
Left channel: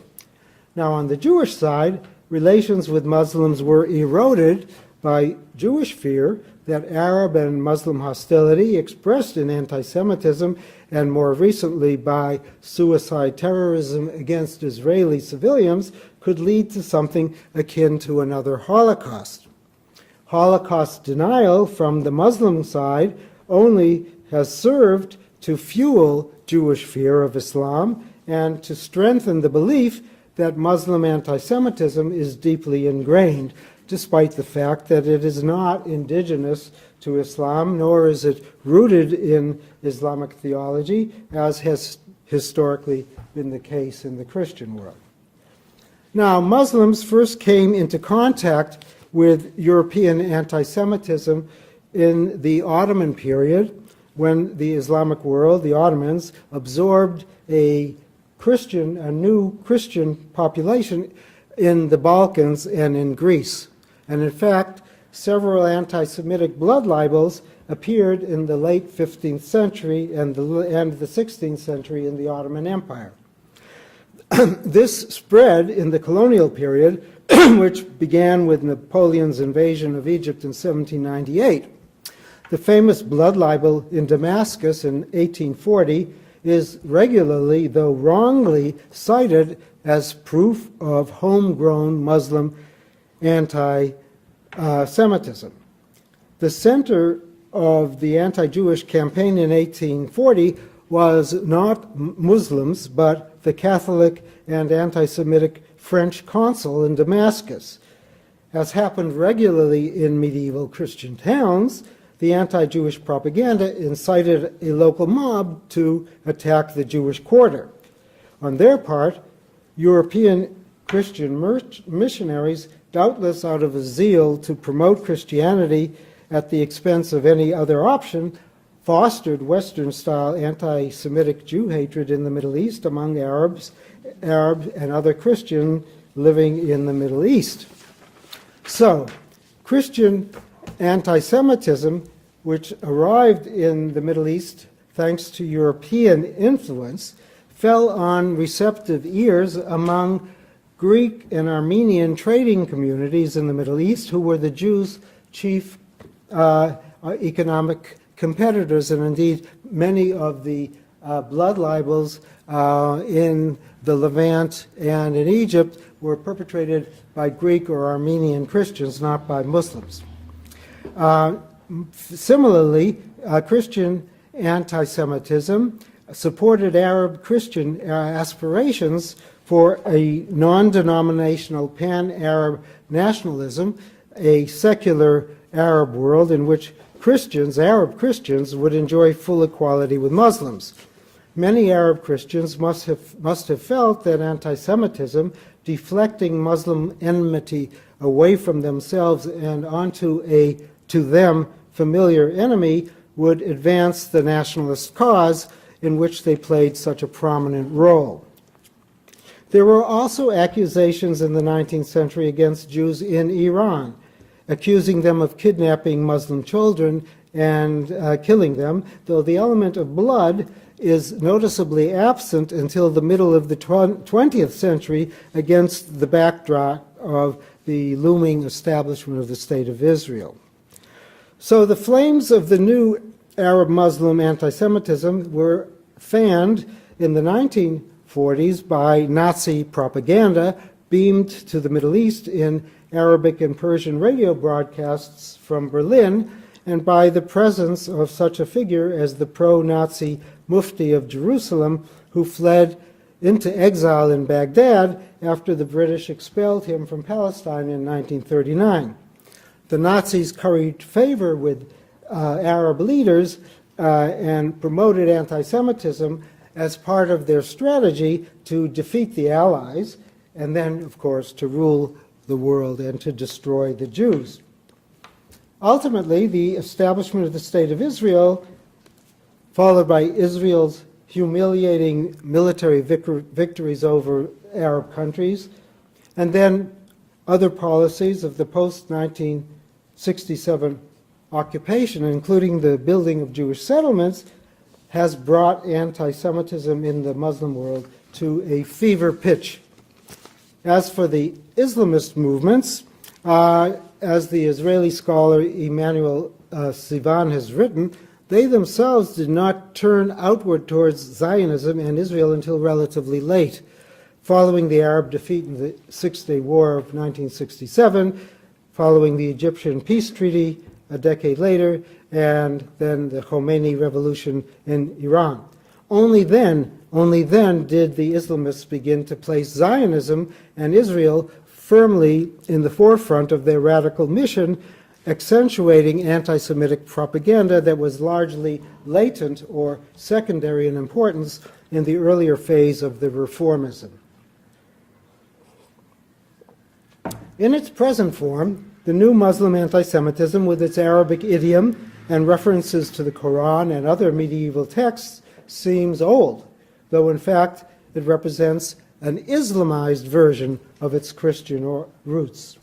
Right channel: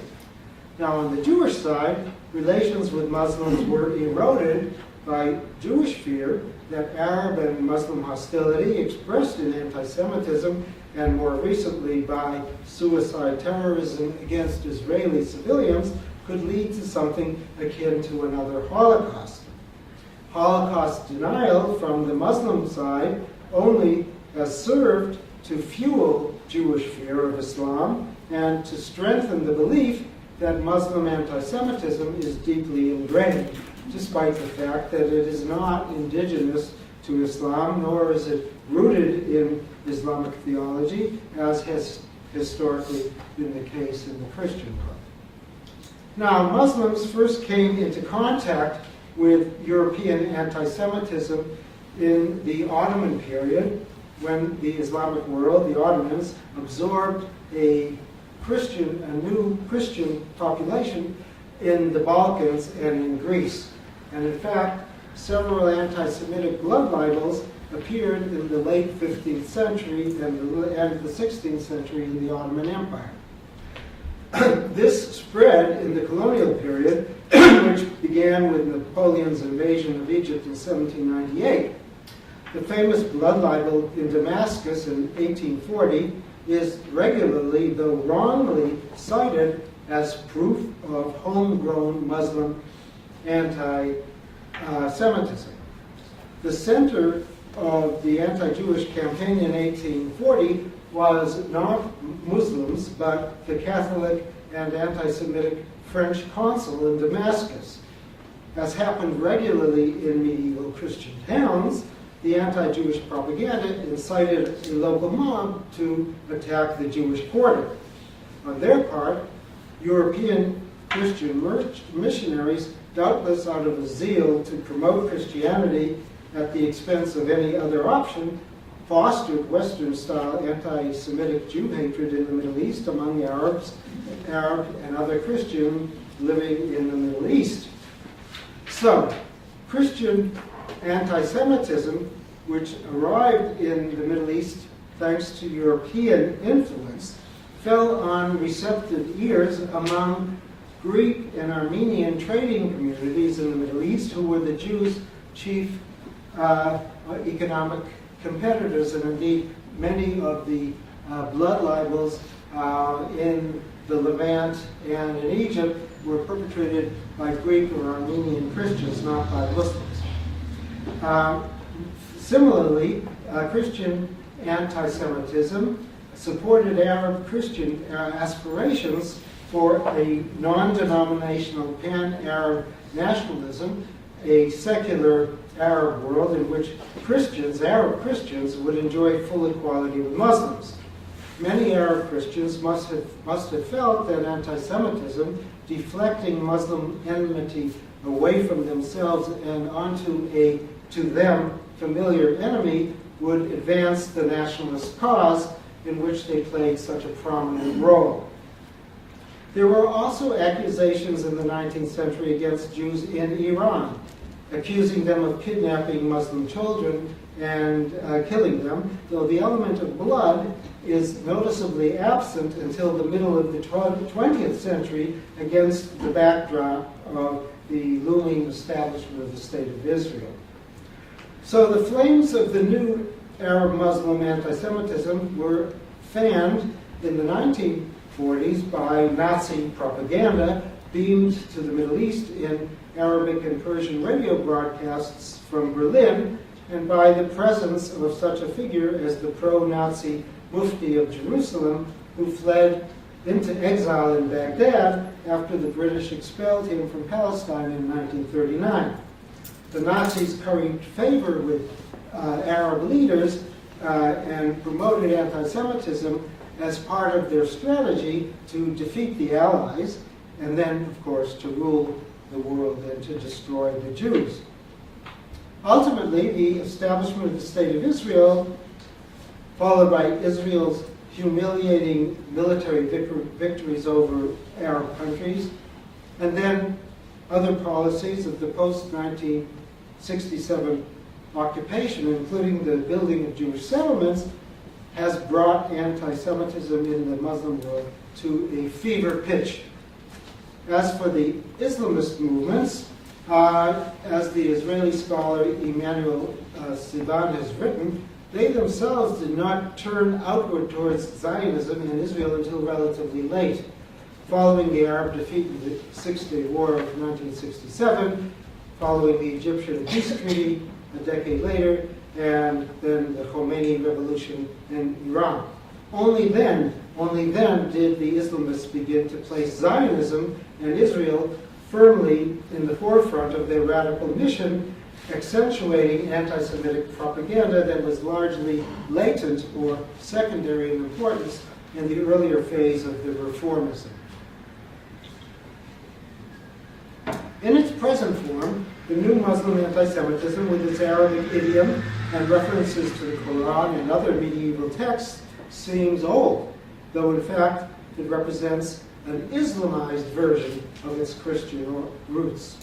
Now, on the Jewish side, relations with Muslims were eroded by Jewish fear that Arab and Muslim hostility expressed in anti-Semitism and more recently by suicide terrorism against Israeli civilians could lead to something akin to another Holocaust. Holocaust denial from the Muslim side only has served to fuel Jewish fear of Islam and to strengthen the belief that Muslim anti-Semitism is deeply ingrained, despite the fact that it is not indigenous to Islam, nor is it rooted in Islamic theology, as has historically been the case in the Christian world. Now, Muslims first came into contact with European anti-Semitism in the Ottoman period, when the Islamic world, the Ottomans, absorbed a new Christian population in the Balkans and in Greece. And in fact, several anti-Semitic blood libels appeared in the late 15th century and the end of the 16th century in the Ottoman Empire. This spread in the colonial period, which began with Napoleon's invasion of Egypt in 1798. The famous blood libel in Damascus in 1840 is regularly, though wrongly, cited as proof of homegrown Muslim anti-Semitism. The center of the anti-Jewish campaign in 1840 was not Muslims, but the Catholic and anti-Semitic French consul in Damascus. As happened regularly in medieval Christian towns, the anti-Jewish propaganda incited a local mob to attack the Jewish quarter. On their part, European Christian missionaries, doubtless out of a zeal to promote Christianity at the expense of any other option, fostered Western-style anti-Semitic Jew hatred in the Middle East among Arab and other Christians living in the Middle East. So, Christian anti-Semitism, which arrived in the Middle East thanks to European influence, fell on receptive ears among Greek and Armenian trading communities in the Middle East, who were the Jews' chief economic competitors, and indeed many of the blood libels in the Levant and in Egypt were perpetrated by Greek or Armenian Christians, not by Muslims. Similarly, Christian anti-Semitism supported Arab Christian aspirations for a non-denominational pan-Arab nationalism, a secular Arab world in which Arab Christians, would enjoy full equality with Muslims. Many Arab Christians must have felt that anti-Semitism, deflecting Muslim enmity away from themselves and onto a, to them, familiar enemy, would advance the nationalist cause in which they played such a prominent role. There were also accusations in the 19th century against Jews in Iran, accusing them of kidnapping Muslim children and killing them, though the element of blood is noticeably absent until the middle of the 20th century against the backdrop of the looming establishment of the State of Israel. So the flames of the new Arab-Muslim anti-Semitism were fanned in the 1940s by Nazi propaganda beamed to the Middle East in Arabic and Persian radio broadcasts from Berlin, and by the presence of such a figure as the pro-Nazi Mufti of Jerusalem, who fled into exile in Baghdad after the British expelled him from Palestine in 1939. The Nazis curried favor with Arab leaders and promoted anti-Semitism as part of their strategy to defeat the Allies, and then, of course, to rule the world and to destroy the Jews. Ultimately, the establishment of the State of Israel, followed by Israel's humiliating military victories over Arab countries, and then other policies of the post-1967 occupation, including the building of Jewish settlements, has brought anti-Semitism in the Muslim world to a fever pitch. As for the Islamist movements, as the Israeli scholar Emmanuel Sivan has written, they themselves did not turn outward towards Zionism and Israel until relatively late. Following the Arab defeat in the Six-Day War of 1967, following the Egyptian peace treaty a decade later, and then the Khomeini revolution in Iran. Only then did the Islamists begin to place Zionism and Israel firmly in the forefront of their radical mission, accentuating anti-Semitic propaganda that was largely latent or secondary in importance in the earlier phase of the reformism. In its present form, the new Muslim anti-Semitism, with its Arabic idiom and references to the Qur'an and other medieval texts, seems old, though in fact it represents an Islamized version of its Christian roots.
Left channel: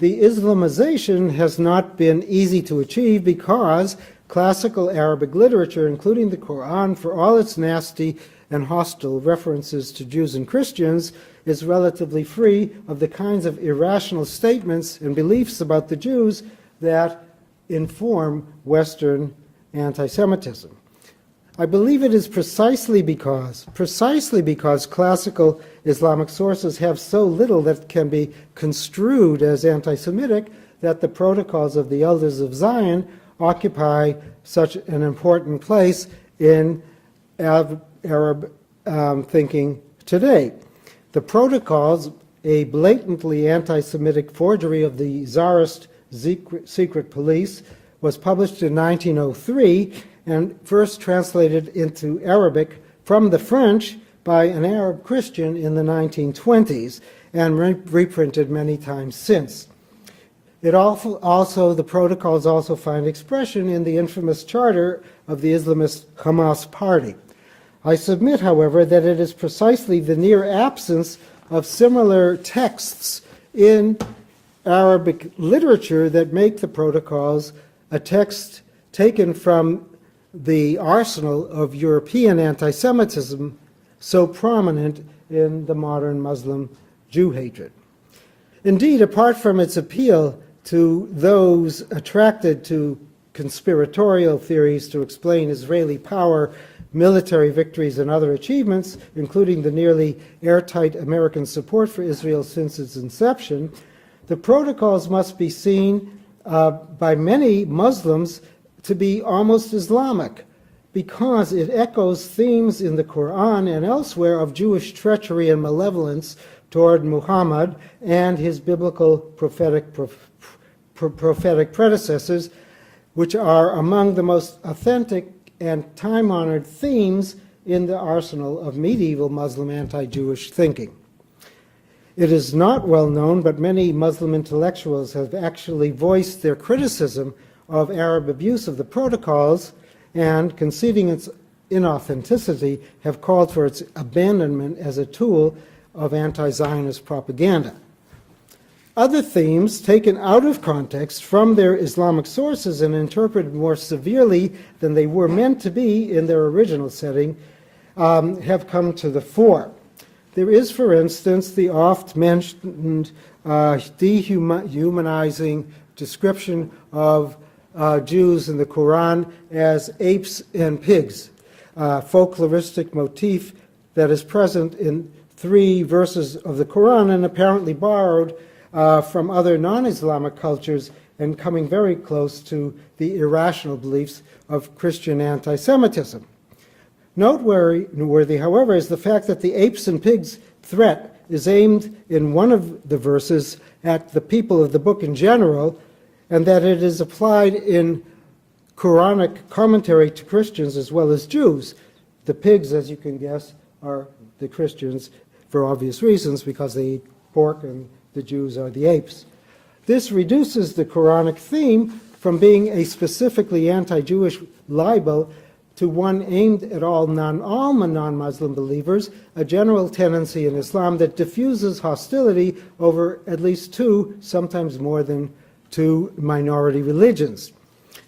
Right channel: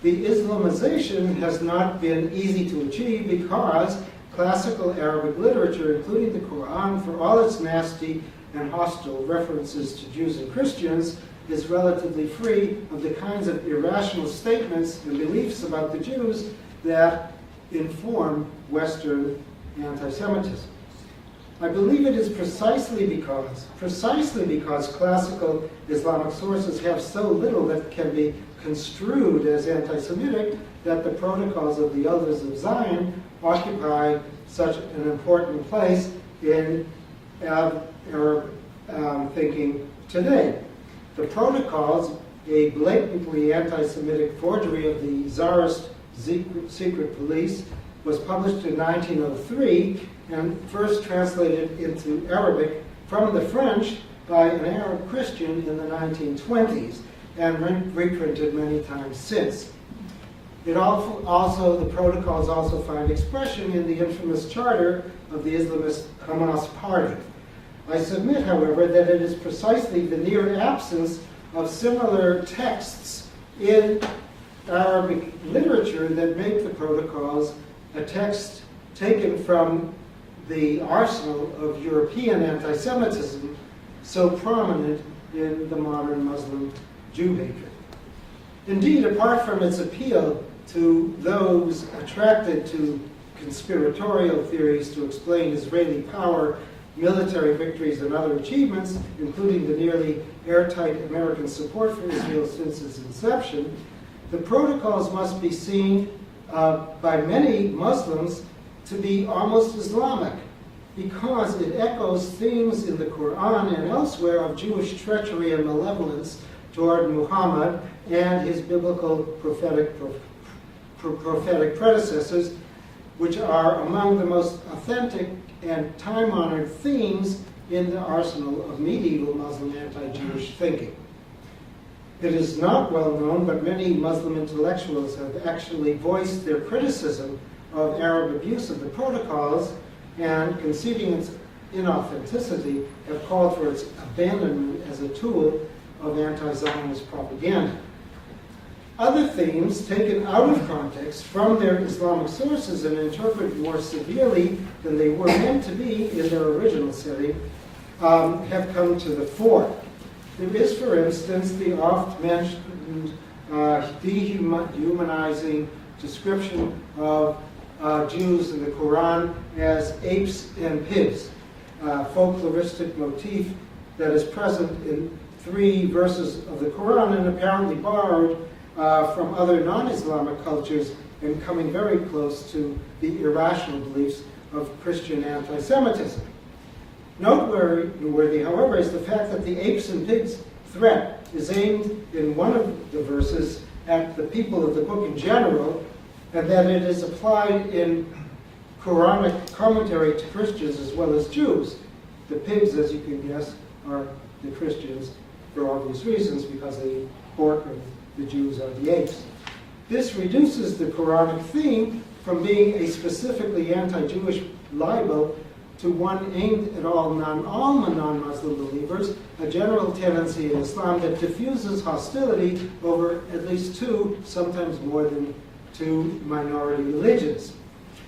The Islamization has not been easy to achieve because classical Arabic literature, including the Qur'an, for all its nasty and hostile references to Jews and Christians, is relatively free of the kinds of irrational statements and beliefs about the Jews that inform Western anti-Semitism. I believe it is precisely because classical Islamic sources have so little that can be construed as anti-Semitic that the protocols of the Elders of Zion occupy such an important place in Arab thinking today. The protocols, a blatantly anti-Semitic forgery of the Tsarist secret police, was published in 1903 and first translated into Arabic from the French by an Arab Christian in the 1920s and reprinted many times since. The protocols also find expression in the infamous charter of the Islamist Hamas party. I submit, however, that it is precisely the near absence of similar texts in Arabic literature that make the protocols a text taken from the arsenal of European anti-Semitism so prominent in the modern Muslim Jew hatred. Indeed, apart from its appeal to those attracted to conspiratorial theories to explain Israeli power, military victories, and other achievements, including the nearly airtight American support for Israel since its inception, the protocols must be seen by many Muslims to be almost Islamic, because it echoes themes in the Qur'an and elsewhere of Jewish treachery and malevolence toward Muhammad and his biblical prophetic predecessors, which are among the most authentic and time-honored themes in the arsenal of medieval Muslim anti-Jewish thinking. It is not well known, but many Muslim intellectuals have actually voiced their criticism of Arab abuse of the protocols and, conceding its inauthenticity, have called for its abandonment as a tool of anti-Zionist propaganda. Other themes, taken out of context from their Islamic sources and interpreted more severely than they were meant to be in their original setting, have come to the fore. There is, for instance, the oft-mentioned dehumanizing description of Jews in the Quran as apes and pigs, folkloristic motif that is present in 3 verses of the Quran and apparently borrowed from other non-Islamic cultures and coming very close to the irrational beliefs of Christian anti-Semitism. Noteworthy, however, is the fact that the apes and pigs threat is aimed in one of the verses at the people of the book in general, and that it is applied in Quranic commentary to Christians as well as Jews. The pigs, as you can guess, are the Christians for obvious reasons, because they eat pork, and the Jews are the apes. This reduces the Quranic theme from being a specifically anti-Jewish libel to one aimed at all non-Muslim believers, a general tendency in Islam that diffuses hostility over at least 2, sometimes more than 2 minority religions.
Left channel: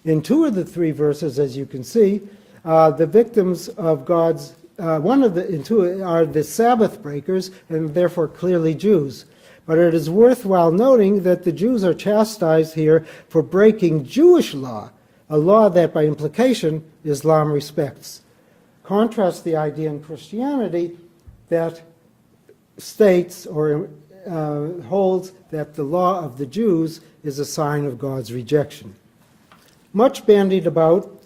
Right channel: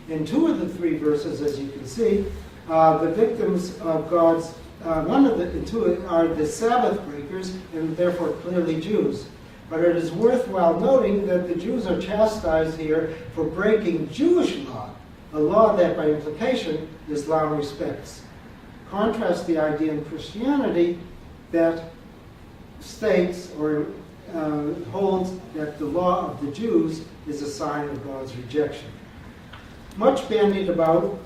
In 2 of the 3 verses, as you can see, The victims of God's, one of the two are the Sabbath breakers, and therefore clearly Jews. But it is worthwhile noting that the Jews are chastised here for breaking Jewish law, a law that by implication Islam respects. Contrast the idea in Christianity that states or holds that the law of the Jews is a sign of God's rejection. Much bandied about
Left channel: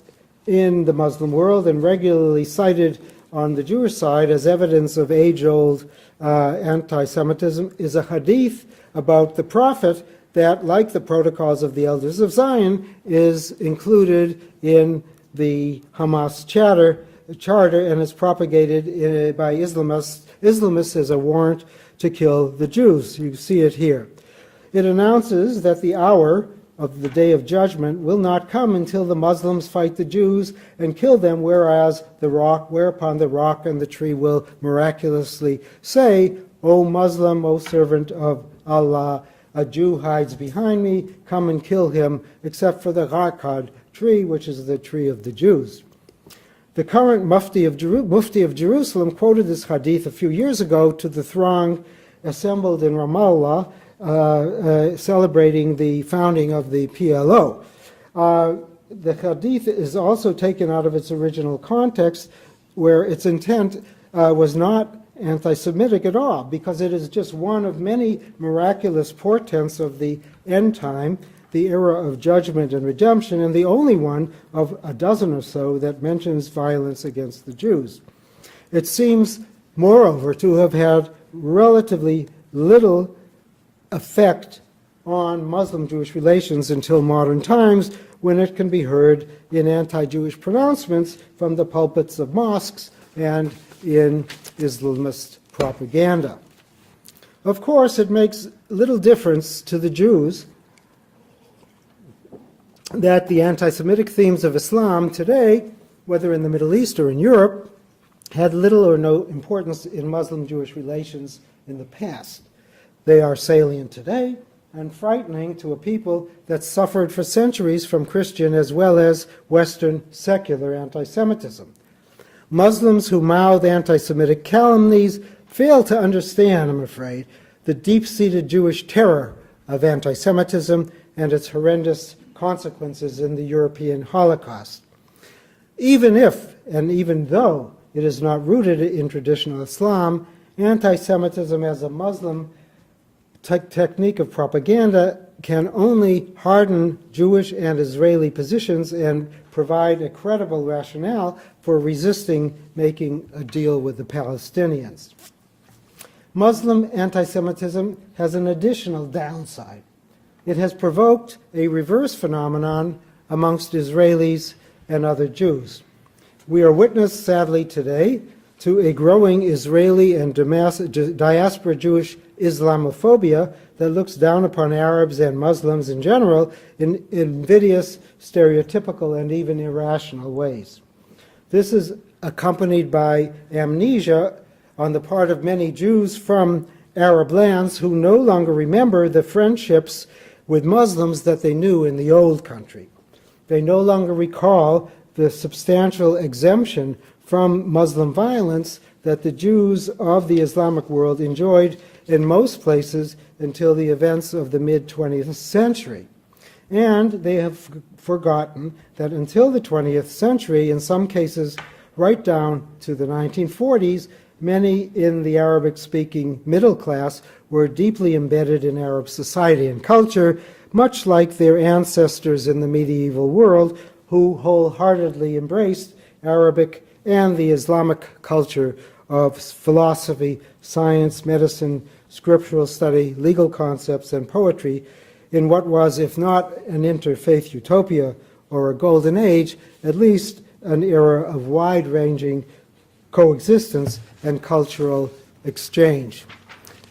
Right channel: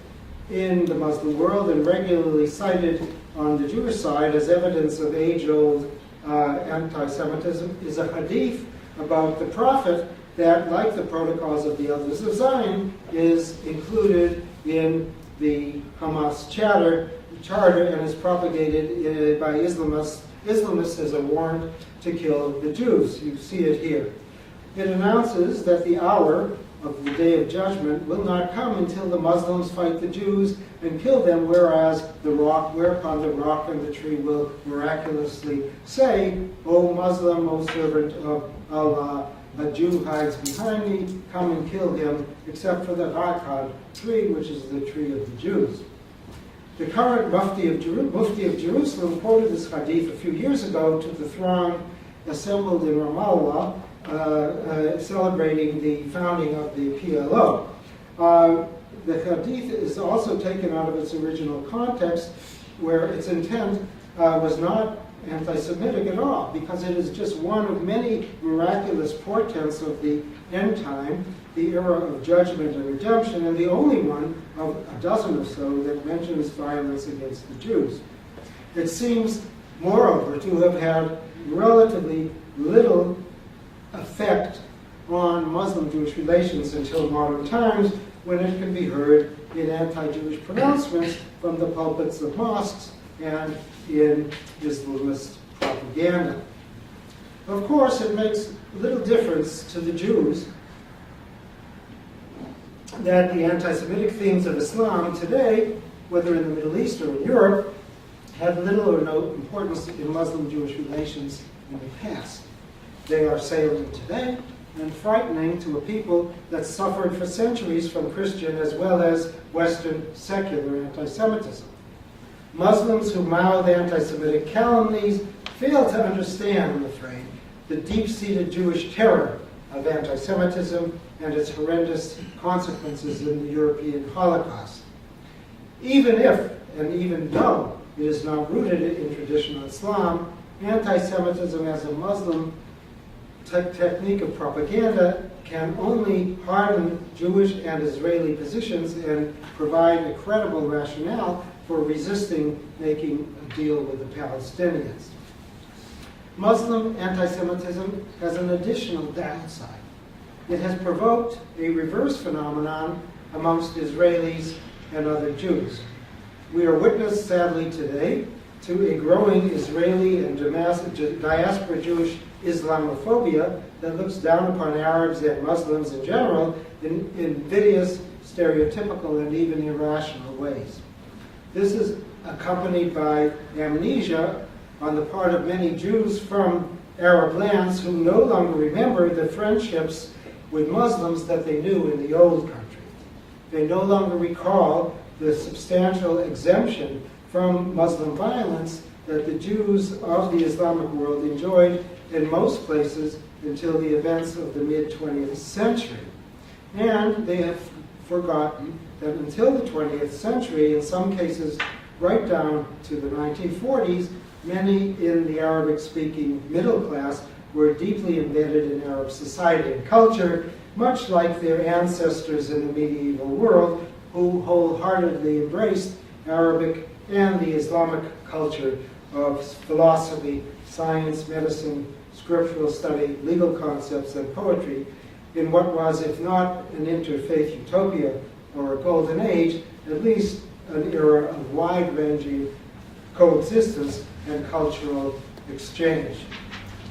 in the Muslim world and regularly cited on the Jewish side as evidence of age-old anti-Semitism is a hadith about the prophet that, like the protocols of the elders of Zion, is included in the Hamas charter and is propagated by Islamists as a warrant to kill the Jews. You see it here. It announces that the hour of the day of judgment will not come until the Muslims fight the Jews and kill them, whereupon the rock and the tree will miraculously say, O Muslim, O servant of Allah, a Jew hides behind me, come and kill him, except for the Ghaqad tree, which is the tree of the Jews. The current Mufti of Jerusalem quoted this hadith a few years ago to the throng assembled in Ramallah, celebrating the founding of the PLO. The hadith is also taken out of its original context, where its intent was not anti-Semitic at all, because it is just one of many miraculous portents of the end time, the era of judgment and redemption, and the only one of a dozen or so that mentions violence against the Jews. It seems, moreover, to have had relatively little effect on Muslim-Jewish relations until modern times, when it can be heard in anti-Jewish pronouncements from the pulpits of mosques and in Islamist propaganda. Of course, it makes little difference to the Jews that the anti-Semitic themes of Islam today, whether in the Middle East or in Europe, had little or no importance in Muslim-Jewish relations in the past. They are salient today and frightening to a people that suffered for centuries from Christian as well as Western secular anti-Semitism. Muslims who mouth anti-Semitic calumnies fail to understand, I'm afraid, the deep-seated Jewish terror of anti-Semitism and its horrendous consequences in the European Holocaust. Even if, and even though, it is not rooted in traditional Islam, anti-Semitism as a Muslim technique of propaganda can only harden Jewish and Israeli positions and provide a credible rationale for resisting making a deal with the Palestinians. Muslim anti-Semitism has an additional downside. It has provoked a reverse phenomenon amongst Israelis and other Jews. We are witness, sadly today, to a growing Israeli and diaspora Jewish Islamophobia that looks down upon Arabs and Muslims in general in invidious, stereotypical, and even irrational ways. This is accompanied by amnesia on the part of many Jews from Arab lands who no longer remember the friendships with Muslims that they knew in the old country. They no longer recall the substantial exemption from Muslim violence that the Jews of the Islamic world enjoyed in most places until the events of the mid-20th century. And they have forgotten that until the 20th century, in some cases right down to the 1940s, many in the Arabic-speaking middle class were deeply embedded in Arab society and culture, much like their ancestors in the medieval world, who wholeheartedly embraced Arabic and the Islamic culture of philosophy, science, medicine, scriptural study, legal concepts, and poetry in what was, if not an interfaith utopia or a golden age, at least an era of wide-ranging coexistence and cultural exchange.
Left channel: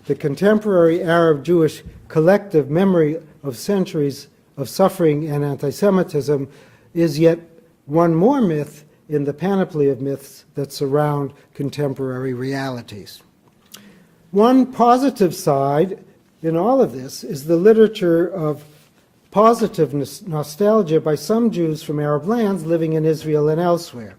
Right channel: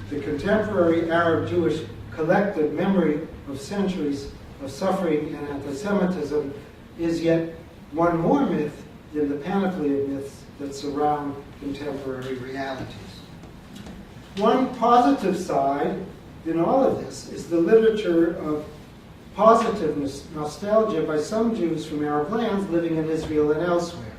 The contemporary Arab-Jewish collective memory of centuries of suffering and anti-Semitism is yet one more myth in the panoply of myths that surround contemporary realities. One positive side in all of this is the literature of positive nostalgia by some Jews from Arab lands living in Israel and elsewhere.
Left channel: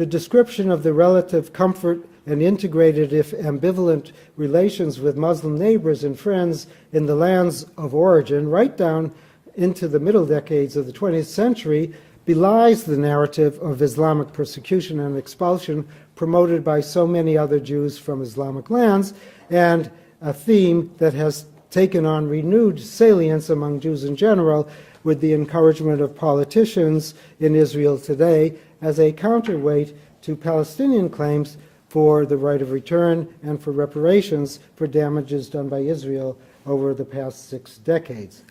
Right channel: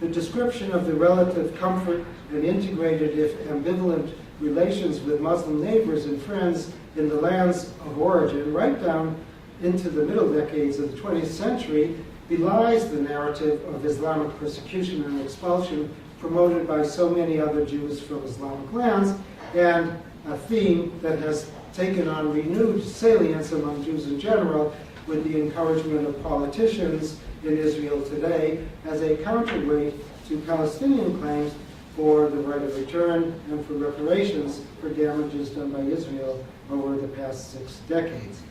the description of the relative comfort and integrated, if ambivalent, relations with Muslim neighbors and friends in the lands of origin, right down into the middle decades of the 20th century, belies the narrative of Islamic persecution and expulsion promoted by so many other Jews from Islamic lands, and a theme that has taken on renewed salience among Jews in general with the encouragement of politicians in Israel today as a counterweight to Palestinian claims for the right of return and for reparations for damages done by Israel over the past 6 decades.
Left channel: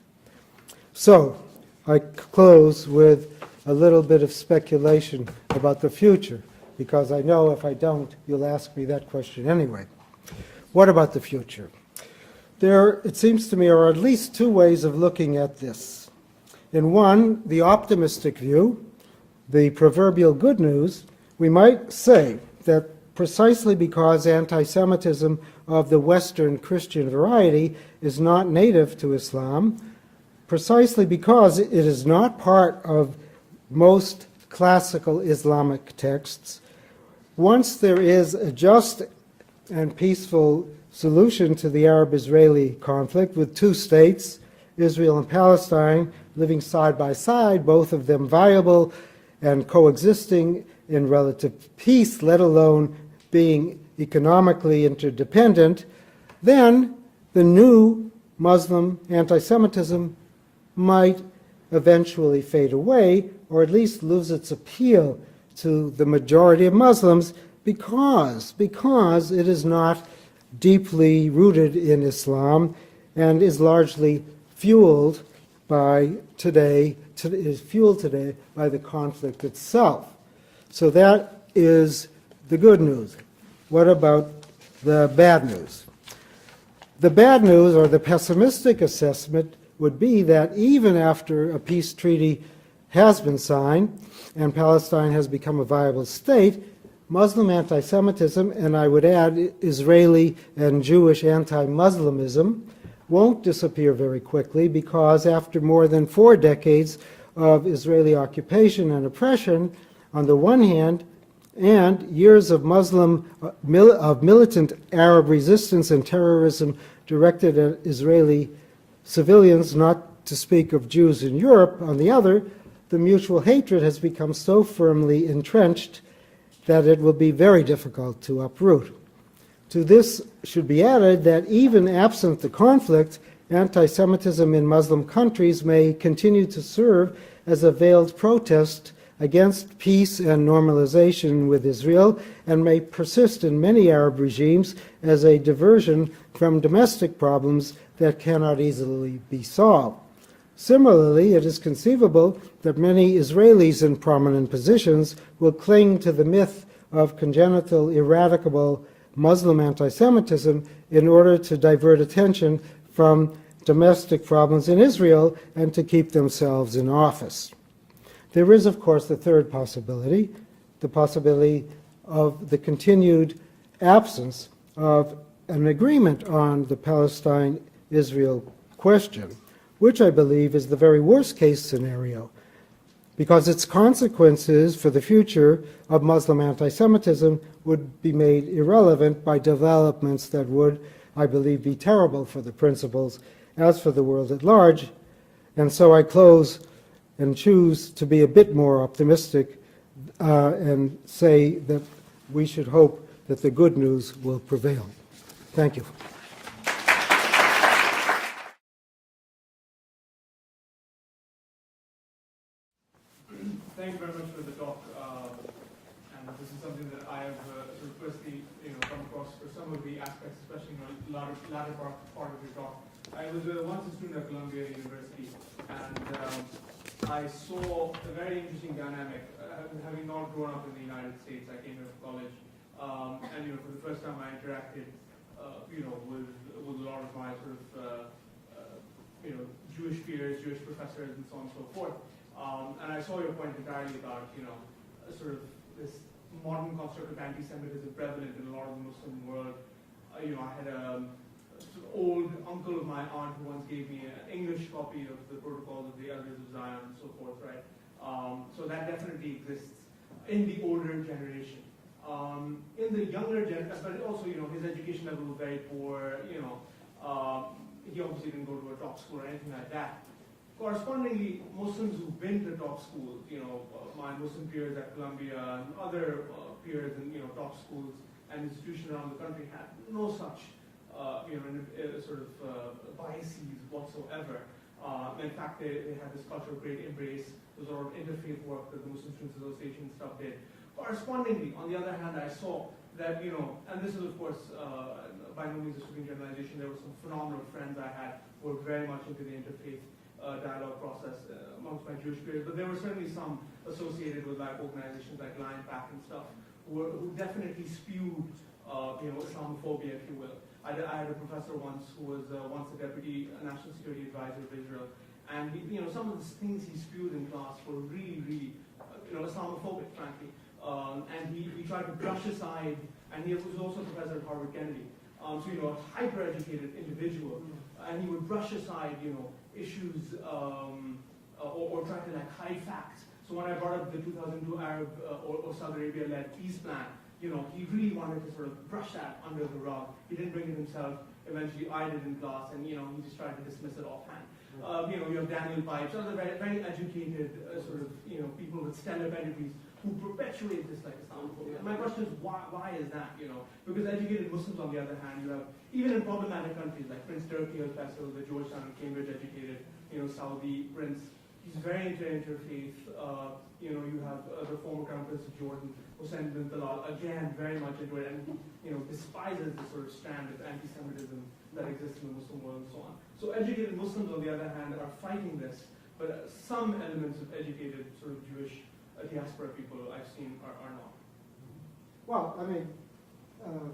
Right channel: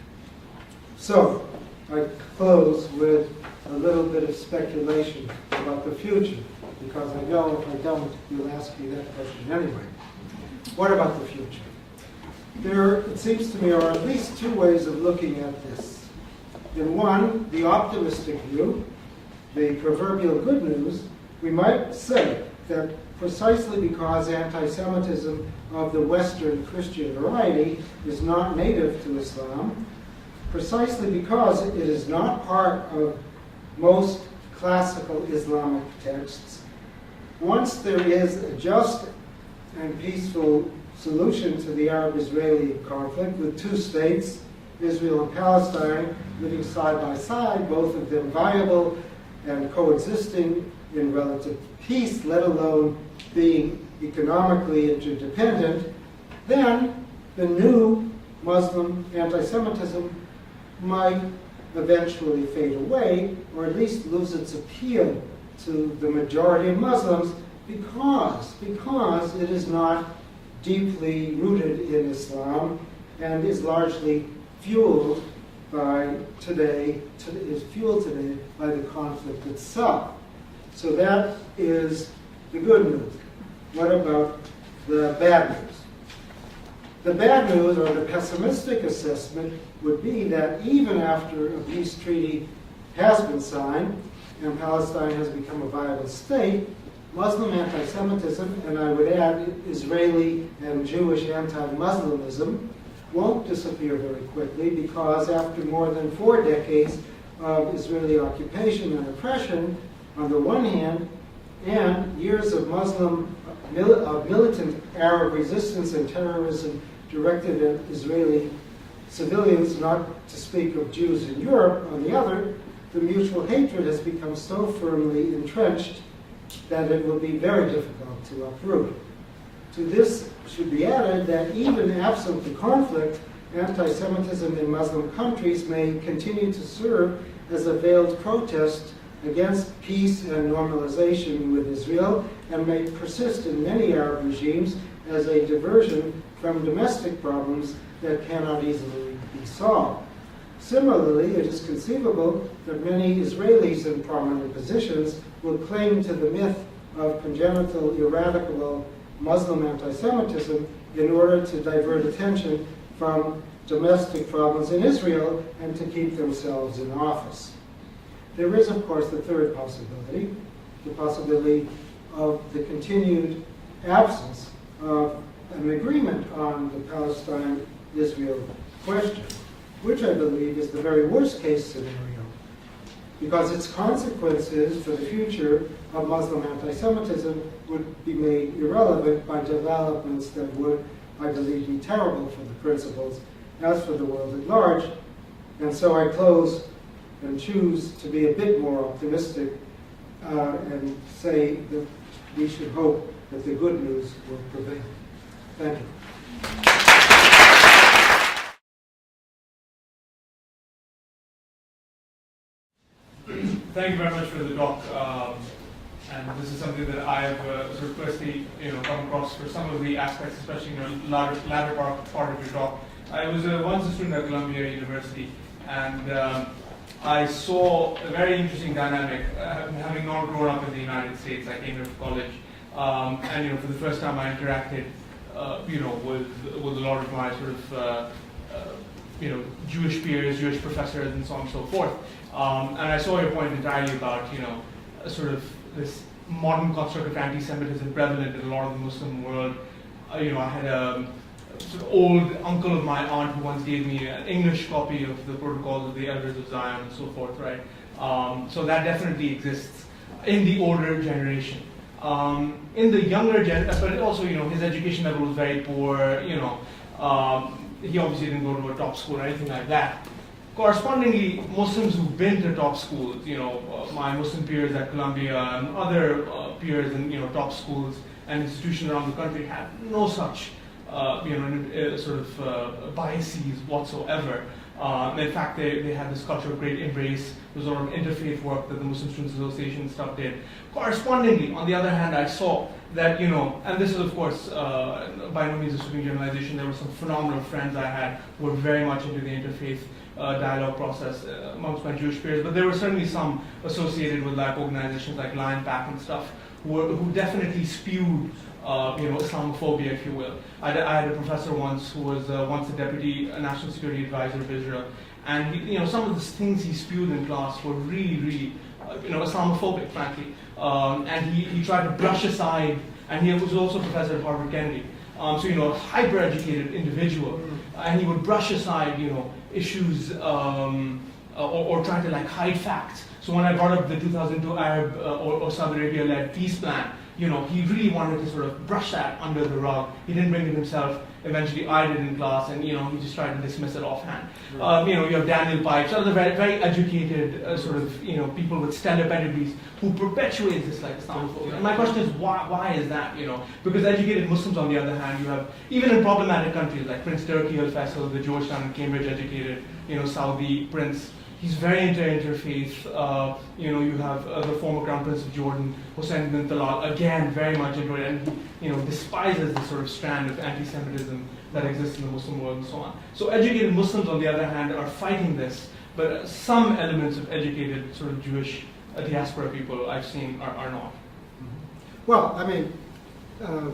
So, I close with a little bit of speculation about the future, because I know if I don't, you'll ask me that question anyway. What about the future? There, it seems to me, are at least 2 ways of looking at this. In one, the optimistic view, the proverbial good news, we might say that precisely because anti-Semitism of the Western Christian variety is not native to Islam, precisely because it is not part of most classical Islamic texts, once there is a just and peaceful solution to the Arab-Israeli conflict with 2 states, Israel and Palestine, living side by side, both of them viable and coexisting in relative peace, let alone being economically interdependent, then the new Muslim anti-Semitism might eventually fade away, or at least lose its appeal to the majority of Muslims because it is not deeply rooted in Islam and is largely fueled today by the conflict itself. So that is the good news. What about the bad news? The bad news, or the pessimistic assessment, would be that even after a peace treaty has been signed and Palestine has become a viable state, Muslim anti-Semitism, and I would add Israeli and Jewish anti-Muslimism, won't disappear very quickly, because after more than 4 decades of Israeli occupation and oppression, on the one hand, and years of militant Arab resistance and terrorism directed at Israeli civilians, not to speak of Jews in Europe, on the other, the mutual hatred has become so firmly entrenched that it will be very difficult to uproot. To this should be added that even absent the conflict, anti-Semitism in Muslim countries may continue to serve as a veiled protest against peace and normalization with Israel, and may persist in many Arab regimes as a diversion from domestic problems that cannot easily be solved. Similarly, it is conceivable that many Israelis in prominent positions will cling to the myth of congenital, eradicable Muslim anti-Semitism in order to divert attention from domestic problems in Israel and to keep themselves in office. There is, of course, the third possibility, the possibility of the continued absence of an agreement on the Palestine-Israel question, which I believe is the very worst-case scenario, because its consequences for the future of Muslim anti-Semitism would be made irrelevant by developments that would, I believe, be terrible for the principles as for the world at large. And so I close and choose to be a bit more optimistic and say that we should hope that the good news will prevail. Thank you. Thank you very much for the talk. And this is something that I have sort of personally, come across for some of the aspects, especially latter part of your talk. I was once a student at Columbia University, and I saw a very interesting dynamic. Having not grown up in the United States, I came here for college, and for the first time I interacted, with a lot of my sort of Jewish peers, Jewish professors, and so on and so forth. And I saw your point entirely about, sort of this modern construct of anti-Semitism prevalent in a lot of the Muslim world. I had a sort of old uncle of my aunt who once gave me an English copy of the Protocols of the Elders of Zion and so forth, right? So that definitely exists. in the older generation. In the younger generation, but also, his education level was very poor, he obviously didn't go to a top school or anything like that. Correspondingly, Muslims who've been to top schools, my Muslim peers at Columbia and other peers in top schools and institutions around the country had no such biases whatsoever. In fact, they had this culture of great embrace. There was a lot of interfaith work that the Muslim Students Association and stuff did. Correspondingly, on the other hand, I saw that, and this is of course by no means a sweeping generalization, there were some phenomenal friends I had who were very much into the interfaith dialogue process amongst my Jewish peers, but there were certainly some associated with organizations like Lion Pack and stuff who definitely spewed Islamophobia, if you will. I had a professor once who was once the deputy national security advisor of Israel, and some of the things he spewed in class were really, Islamophobic, frankly. And he tried to brush aside, and he was also a professor at Harvard Kennedy. A hyper-educated individual, and he would brush aside, issues or try to hide facts. So when I brought up the 2002 Arab or Saudi Arabia-led peace plan, he really wanted to sort of brush that under the rug. He didn't bring it himself. Eventually, I did in class, and he just tried to dismiss it offhand. You have Daniel Pipes, other very, very educated people with stellar pedigrees who perpetuate this Islamophobia. And my question is, why is that? Because educated Muslims, on the other hand, you have even in problematic countries like Prince Turki Al Faisal, the Georgetown and Cambridge educated, Saudi Prince. He's very into interfaith. You have the former Crown Prince of Jordan, Hussein bin Talal, again very much into it, and he despises the sort of strand of anti-Semitism that exists in the Muslim world and so on. So educated Muslims, on the other hand, are fighting this, but some elements of educated sort of Jewish diaspora people I've seen are not. Well, I mean, I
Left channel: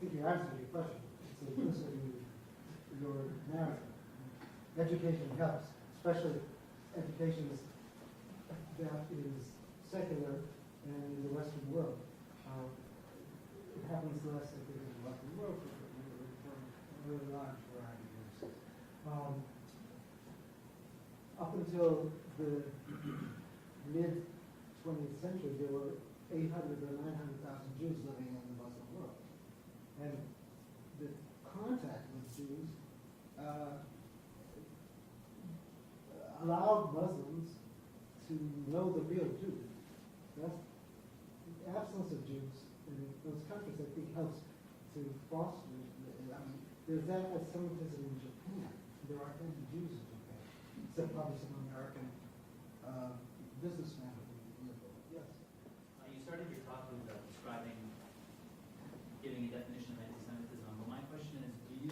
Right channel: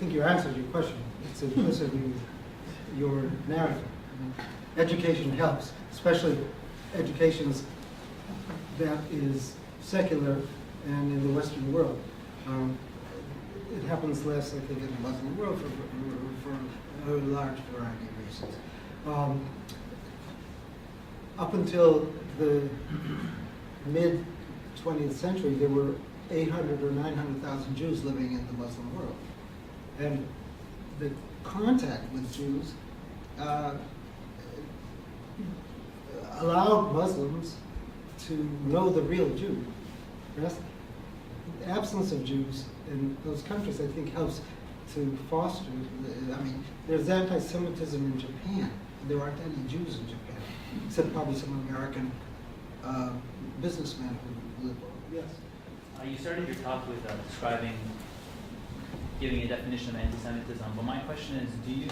think you answered your question. It's implicit in your narrative. Education helps, especially educations that is secular and in the Western world. It happens less, I think, in the Muslim world for a large variety of reasons. Up until the mid-20th century, there were 800 or 900,000 Jews living in the Muslim world. And the contact with Jews allowed Muslims to know the real Jew. Yes? The absence of Jews in those countries, I think, helps to foster, there's anti-Semitism in Japan. There aren't any Jews in Japan, except probably some American businessmen who live over. Yes? You started your talk with giving a definition of anti-Semitism, but my question is, do you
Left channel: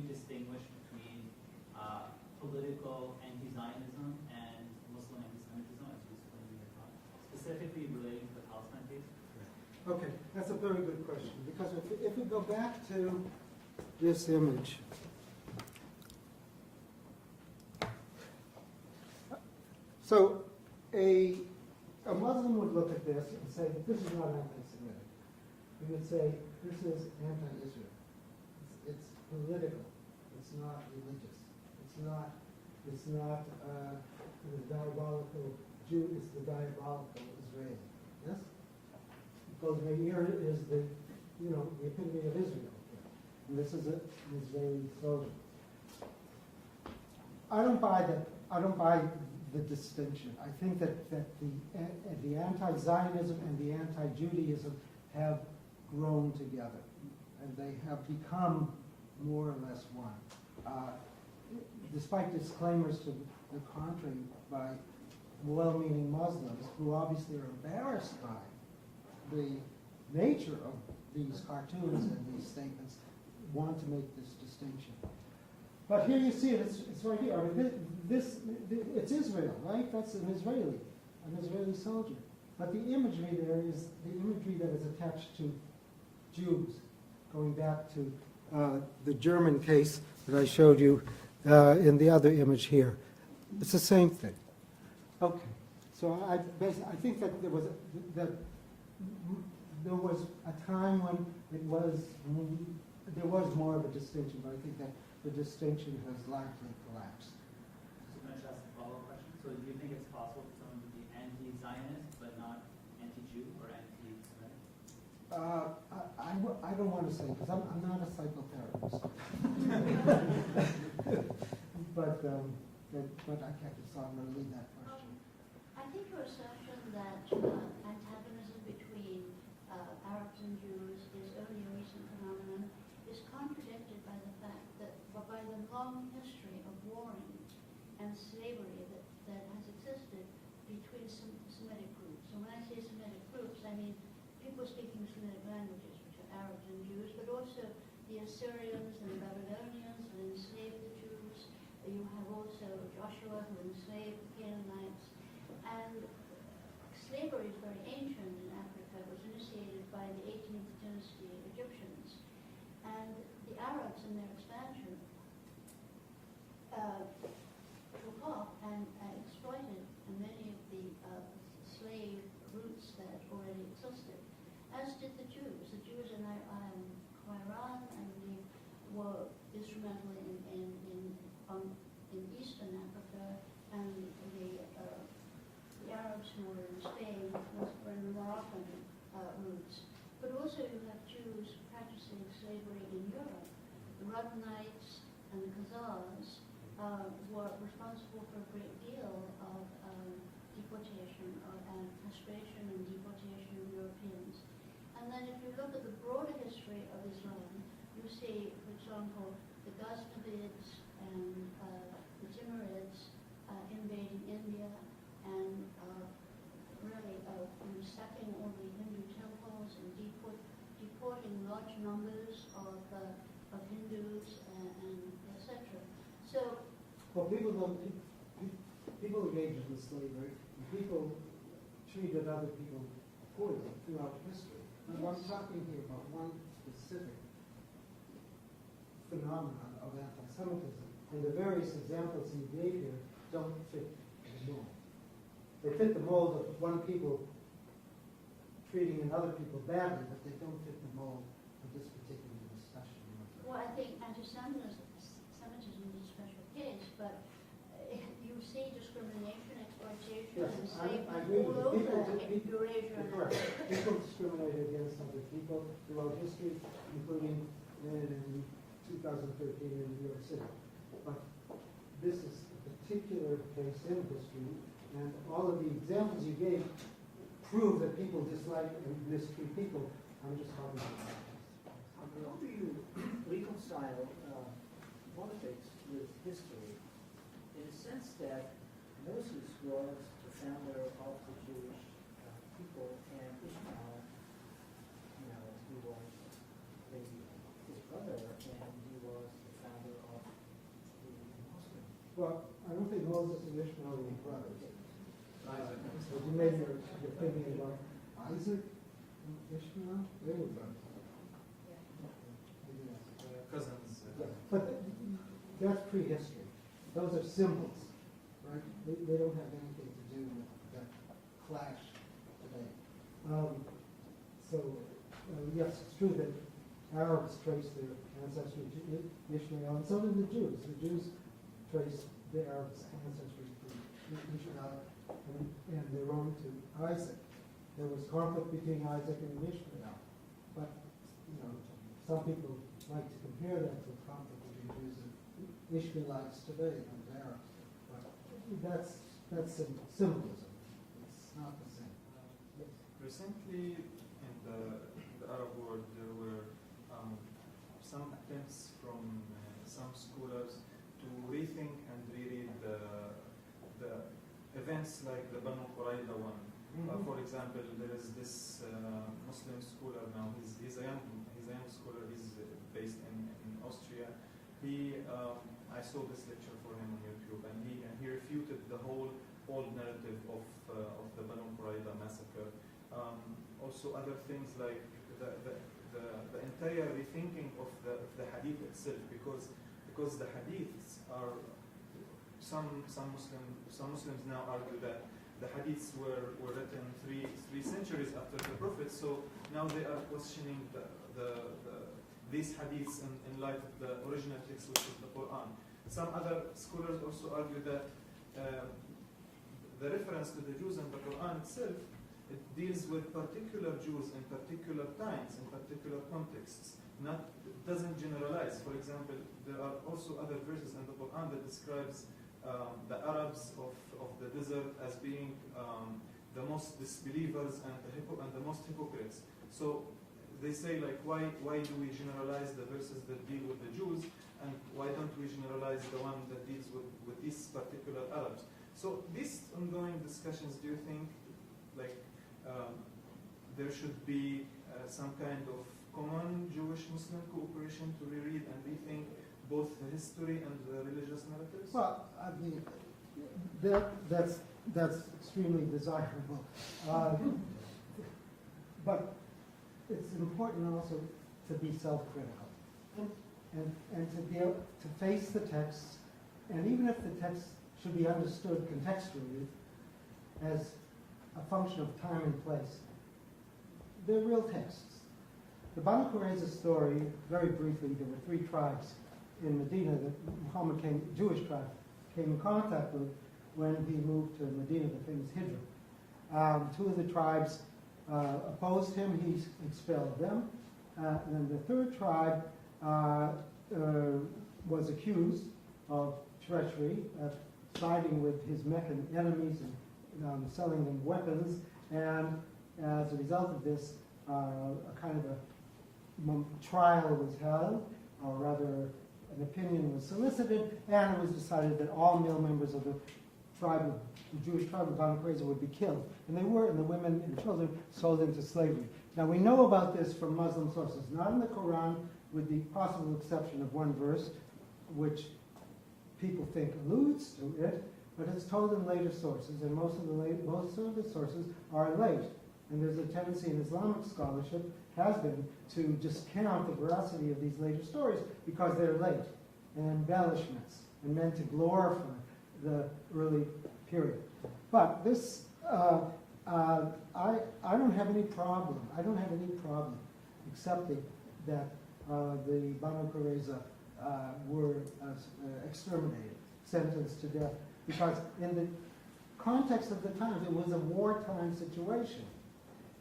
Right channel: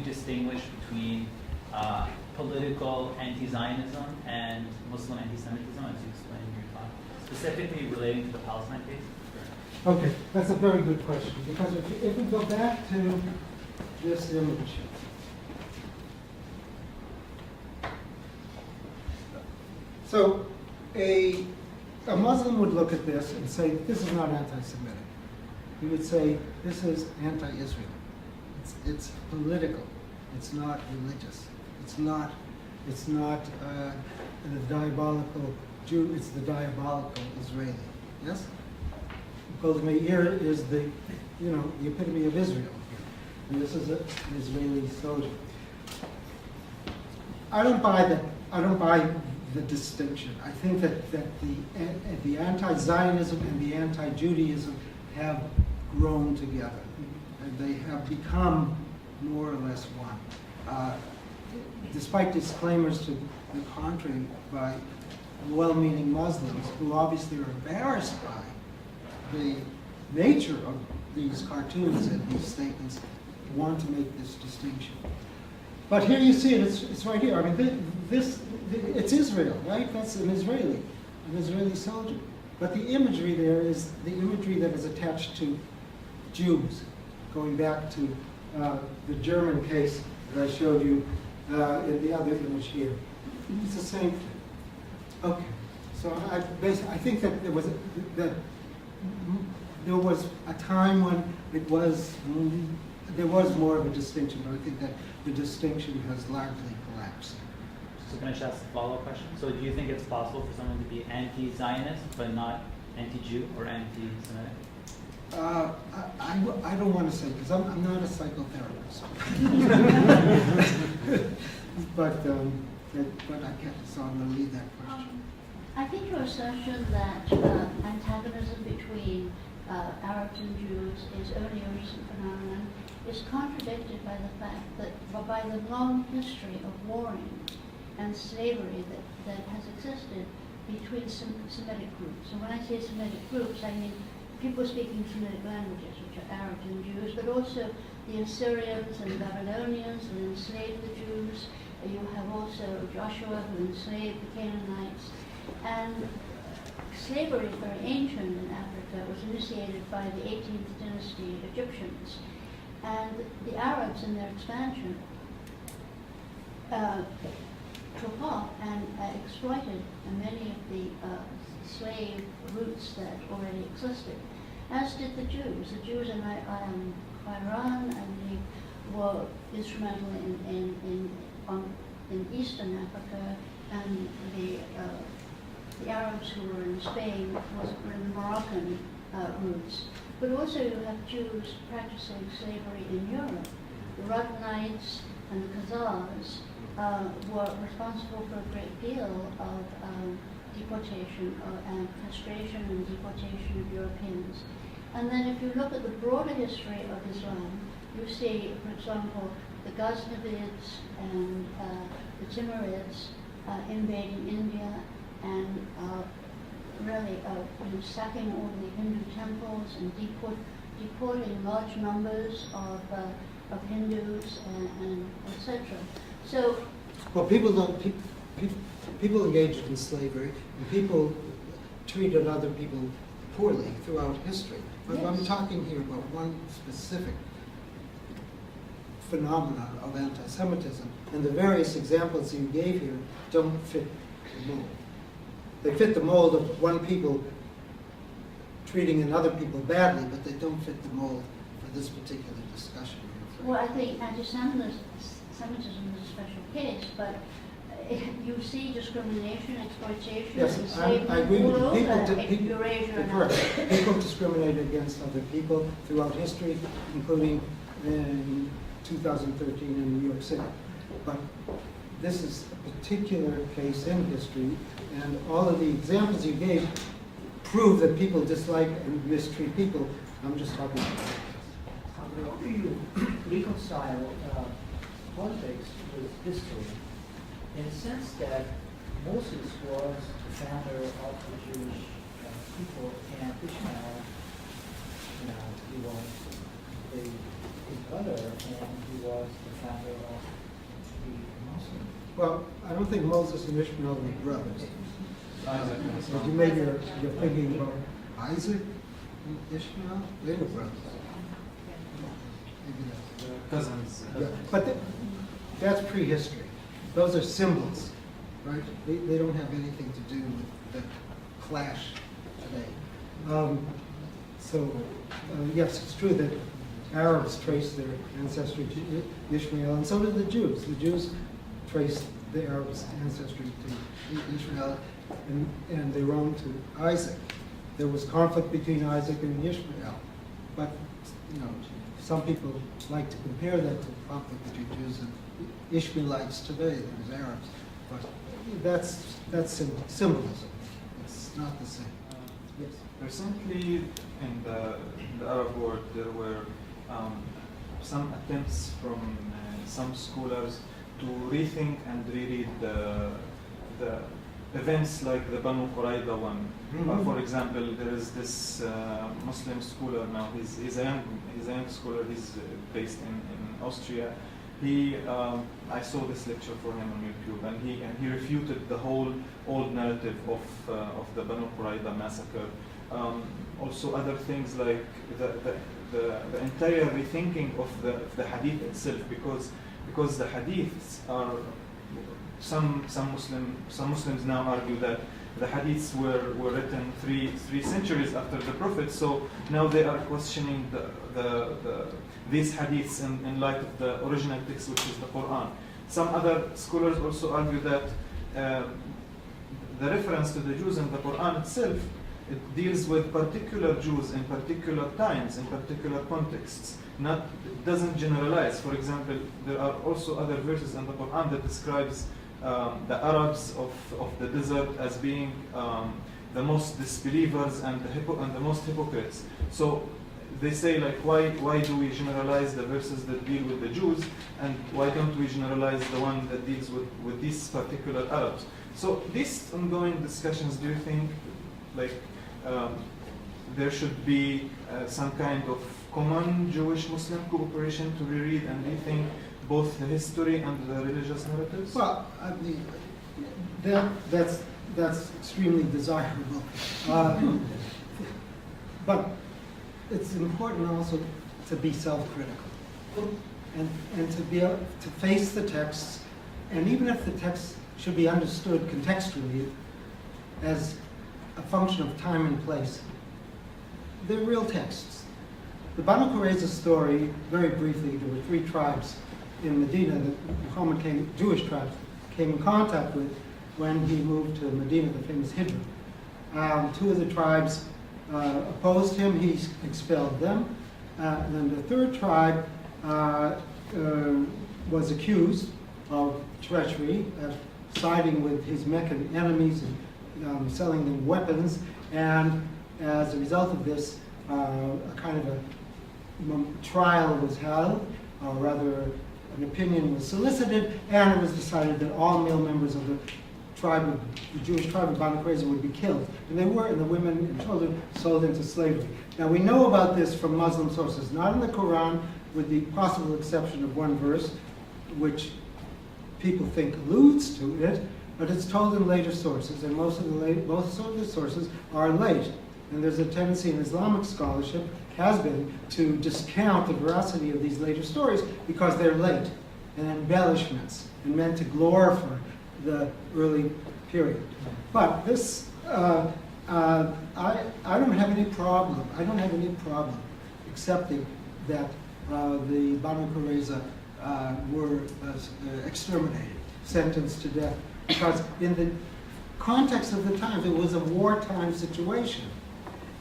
distinguish between political anti-Zionism and Muslim anti-Semitism, as you explained in your talk, specifically relating to the Palestine case? Okay, that's a very good question, because if we go back to this image, so a Muslim would look at this and say, this is not anti-Semitic. He would say, this is anti-Israel. It's political. It's not religious. It's not the diabolical Jew. It's the diabolical Israeli. Yes. Because Meir is the epitome of Israel. And this is an Israeli soldier. I don't buy the distinction. I think that the anti-Zionism and the anti-Judaism have grown together, and they have become more or less one. Despite disclaimers to the contrary by well-meaning Muslims who obviously are embarrassed by the nature of these cartoons and these statements, want to make this distinction. But here you see it, it's right here. I mean, it's Israel, right? That's an Israeli soldier. But the imagery there is the imagery that is attached to Jews, going back to the German case that I showed you in the other image here. It's the same thing. Okay, so I think that there was a time when there was more of a distinction, but I think that the distinction has largely collapsed. So can I just ask a follow-up question? So do you think it's possible for someone to be anti-Zionist but not anti-Jew or anti-Semitic? I don't want to say, because I'm not a psychotherapist. but I guess I'm going to leave that question. I think your assertion that antagonism between Arabs and Jews is only a recent phenomenon is contradicted by the fact that by the long history of warring and slavery that has existed between Semitic groups. And when I say Semitic groups, I mean people speaking Semitic languages, which are Arabs and Jews, but also the Assyrians and Babylonians who enslaved the Jews. You have also Joshua who enslaved the Canaanites. And slavery is very ancient in Africa. It was initiated by the 18th dynasty Egyptians. And the Arabs in their expansion took off and exploited many of the slave routes that already existed, as did the Jews. The Jews in Iran, I believe, were instrumental in Eastern Africa, and the Arabs who were in Spain were in the Moroccan routes. But also you have Jews practicing slavery in Europe. The Rudnites and the Khazars were responsible for a great deal of deportation and castration and deportation of Europeans. And then if you look at the broader history of Islam, you see, for example, the Ghaznavids and the Timurids invading India and really sacking all the Hindu temples and deporting large numbers of Hindus and etc. So, well, people engaged in slavery, and people treated other people poorly throughout history. But I'm talking here about one specific phenomenon of anti-Semitism, and the various examples you gave here don't fit the mold. They fit the mold of one people treating another people badly, but they don't fit the mold for this particular discussion. Well, I think anti-Semitism is a special case, but you see discrimination, exploitation, yes, enslavement I agree with all you. over Eurasia and Africa. People discriminate against other people throughout history, including in 2013 in New York City. But this is a particular case in history, and all of the examples you gave prove that people dislike and mistreat people. I'm just talking about it. How do you reconcile politics with history, in a sense that Moses was the founder of the Jewish people, and Ishmael, he was his brother, and he was the founder of the Muslim. Well, I don't think Moses and Ishmael were brothers. But you maybe you're thinking about Isaac and Ishmael? They were brothers. Maybe that's Cousins. yeah. But that's prehistory. Those are symbols, right? They don't have anything to do with the clash today. Yes, it's true that Arabs trace their ancestry to Ishmael, and so did the Jews. The Jews traced the Arabs' ancestry to Ishmael and their own to Isaac. There was conflict between Isaac and Ishmael, but some people like to compare that to the conflict between Jews and Ishmaelites today. There's Arabs, but that's symbolism. It's not the same. Yes. Recently, in the Arab world, there were some attempts from some scholars to rethink and reread the events like the Banu Qurayza one. Mm-hmm. For example, there is this Muslim scholar now. He's a young scholar. He's based in Austria. I saw this lecture for him on YouTube, and he refuted the whole old narrative of the Banu Qurayza massacre. Also, other things like the entire rethinking of the hadith itself, because the hadiths are some Muslims now argue that the hadiths were written three centuries after the Prophet, so now they are questioning these hadiths in light of the original text, which is the Qur'an. Some other scholars also argue that the reference to the Jews in the Qur'an itself It deals with particular Jews in particular times, in particular contexts. It doesn't generalize. For example, there are also other verses in the Quran that describes the Arabs of the desert as being the most disbelievers and the most hypocrites. So they say, like, why do we generalize the verses that deal with the Jews, and why don't we generalize the one that deals with these particular Arabs? So these ongoing discussions, do you think, like, there should be some kind of common Jewish-Muslim cooperation to reread and rethink both the history and the religious narratives? Well, I mean, that's extremely desirable. But it's important also to be self-critical and to be able to face the texts, and even if the text should be understood contextually as a function of time and place, they're real texts. The Banu Qurayza story, very briefly, there were 3 tribes in Medina that Muhammad Jewish tribes, came in contact with when he moved to Medina, the famous Hijra. 2 of the tribes opposed him, he expelled them. Then the 3rd tribe was accused of treachery, of siding with his Meccan enemies and selling them weapons, and as a result of this, a kind of a trial was held, or rather an opinion was solicited, and it was decided that all male members of the Jewish tribe of Banu Qurayza would be killed. And they were, and the women and children sold into slavery. Now we know about this from Muslim sources, not in the Quran, with the possible exception of one verse, which people think alludes to it, but it's told in later sources, and most of the sources are late. And there's a tendency in Islamic scholarship, has been, to discount the veracity of these later stories because they're late and embellishments and meant to glorify the early period. But this, I don't have any problem. I don't have any problem accepting that the Banu Qurayza were exterminated, sentenced to death, because in the context of the times, it was a wartime situation,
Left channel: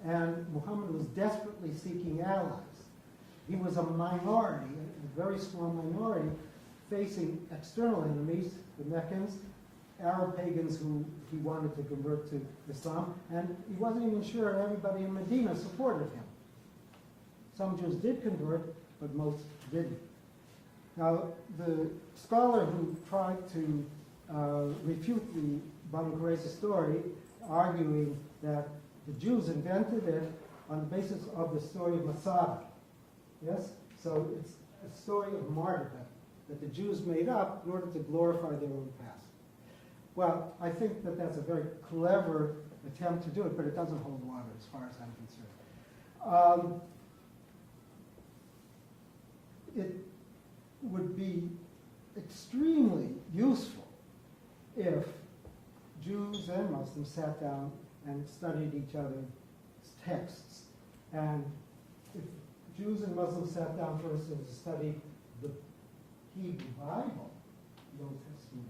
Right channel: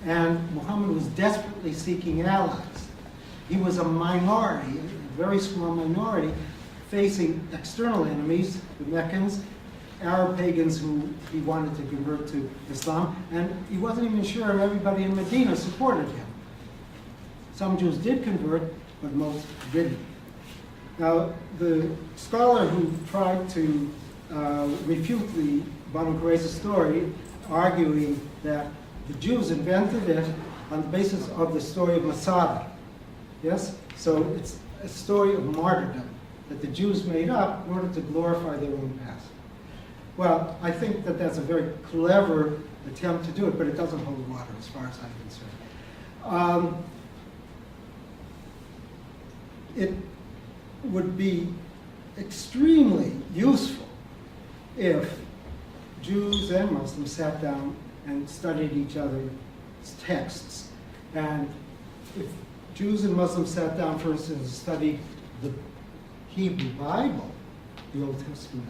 and Muhammad was desperately seeking allies. He was a minority, a very small minority, facing external enemies, the Meccans, Arab pagans who he wanted to convert to Islam, and he wasn't even sure everybody in Medina supported him. Some Jews did convert, but most didn't. Now, the scholar who tried to refute the Banu Qurayza story, arguing that the Jews invented it on the basis of the story of Masada. Yes? So it's a story of martyrdom that the Jews made up in order to glorify their own past. Well, I think that that's a very clever attempt to do it, but it doesn't hold water as far as I'm concerned. It would be extremely useful if Jews and Muslims sat down and studied each other's texts. And if Jews and Muslims sat down, for instance, and studied the Hebrew Bible, the Old Testament,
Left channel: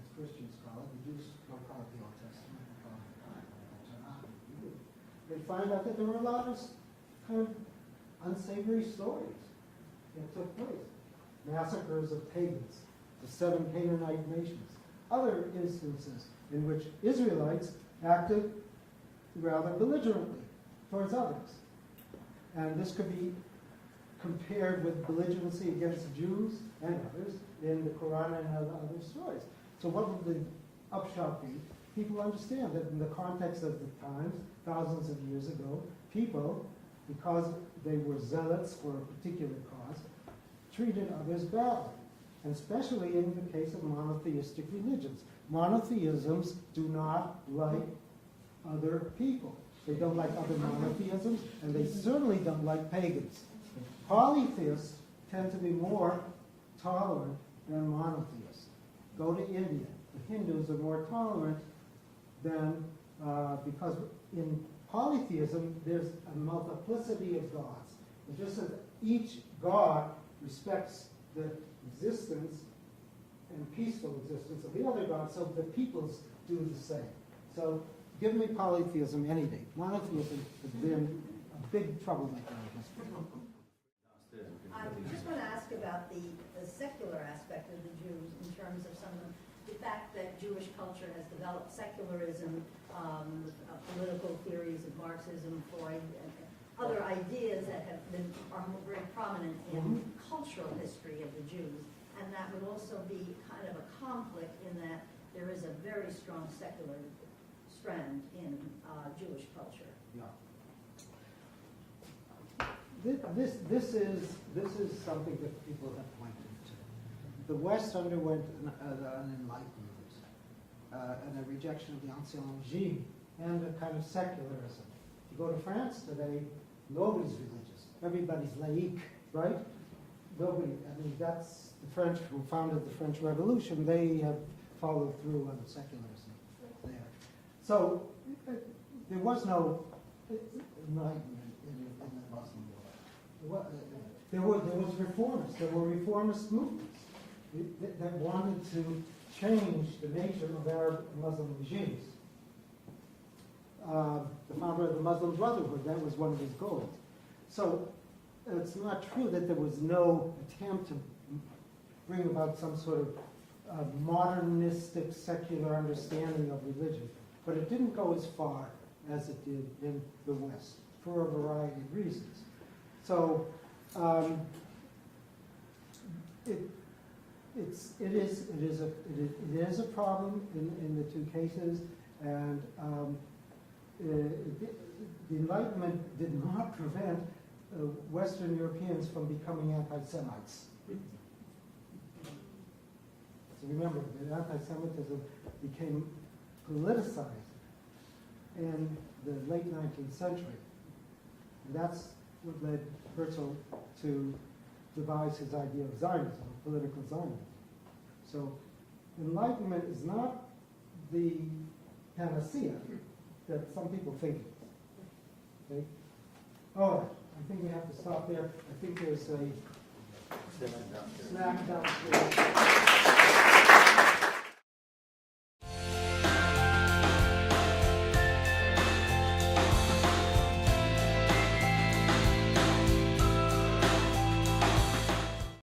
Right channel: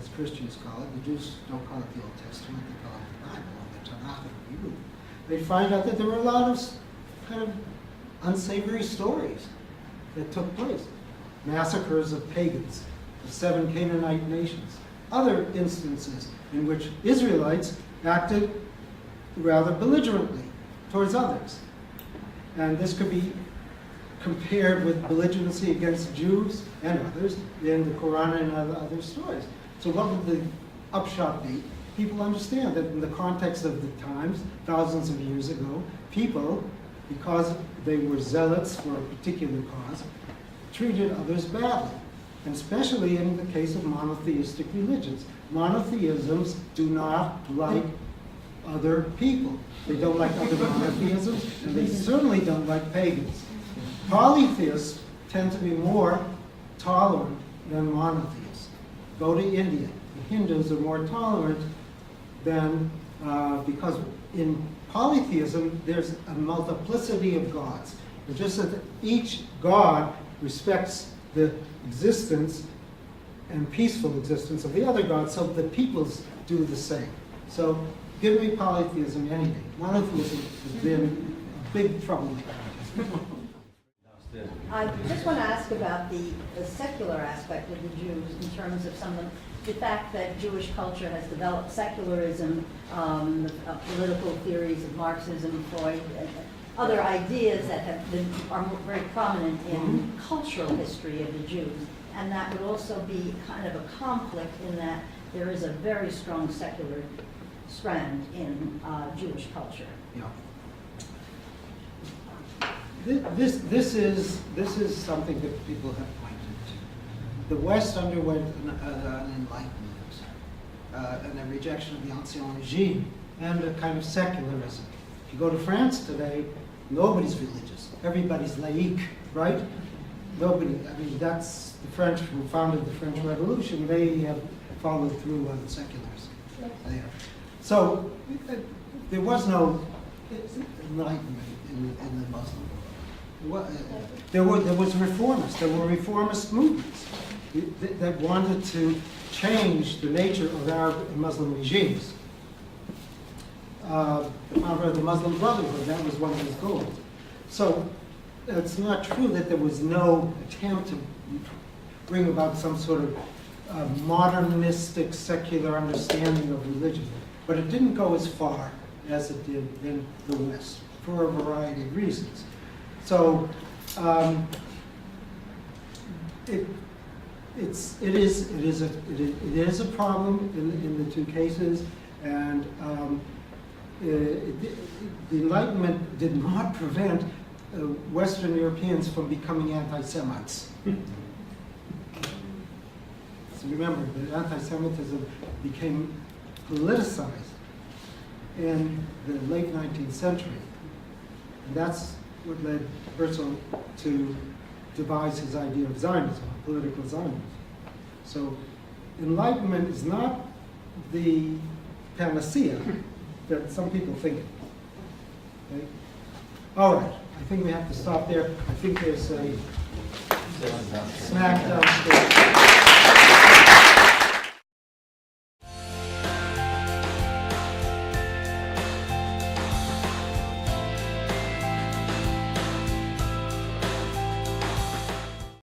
as Christians call it. The Jews don't call it the Old Testament, they call it the Bible, or the Tanakh in Hebrew. They find out that there were a lot of kind of unsavory stories that took place. Massacres of pagans, the 7 Canaanite nations, other instances in which Israelites acted rather belligerently towards others. And this could be compared with belligerency against Jews and others in the Qur'an and other stories. So what would the upshot be? People understand that in the context of the times, thousands of years ago, people, because they were zealots for a particular cause, treated others badly, and especially in the case of monotheistic religions. Monotheisms do not like other people. They don't like other monotheisms, and they certainly don't like pagans. Polytheists tend to be more tolerant than monotheists. Go to India. The Hindus are more tolerant than, because in polytheism, there's a multiplicity of gods. It's just that each god respects the existence and peaceful existence of the other gods, so the peoples do the same. So Give me polytheism any day. Monotheism has been a big trouble. I just want to ask about the secular aspect of the Jews in terms of some of the fact that Jewish culture has developed secularism, political theories of Marxism, Freud, and other ideas that are very prominent in cultural history of the Jews. And that would also be kind of a conflict in that there is a very strong secular strand in Jewish culture. Yeah. This is something that people have pointed to. The West underwent an enlightenment and a rejection of the ancien regime and a kind of secularism. If you go to France today, nobody's religious. Everybody's laïque, right? Nobody. I mean, that's the French who founded the French Revolution. They have followed through on secularism there. So there was no enlightenment in the Muslim world. There was reformists. There were reformist movements that wanted to change the nature of Arab and Muslim regimes. The founder of the Muslim Brotherhood, that was one of his goals. So it's not true that there was no attempt to bring about some sort of modernistic, secular understanding of religion. But it didn't go as far as it did in the West for a variety of reasons. So it is a problem in the two cases, and the Enlightenment did not prevent Western Europeans from becoming anti-Semites. So remember, that anti-Semitism became politicized in the late 19th century. And that's what led Herzl to devise his idea of Zionism, political Zionism. So Enlightenment is not the panacea that some people think. Okay? All right, I think we have to stop there. I think there's a snack downstairs.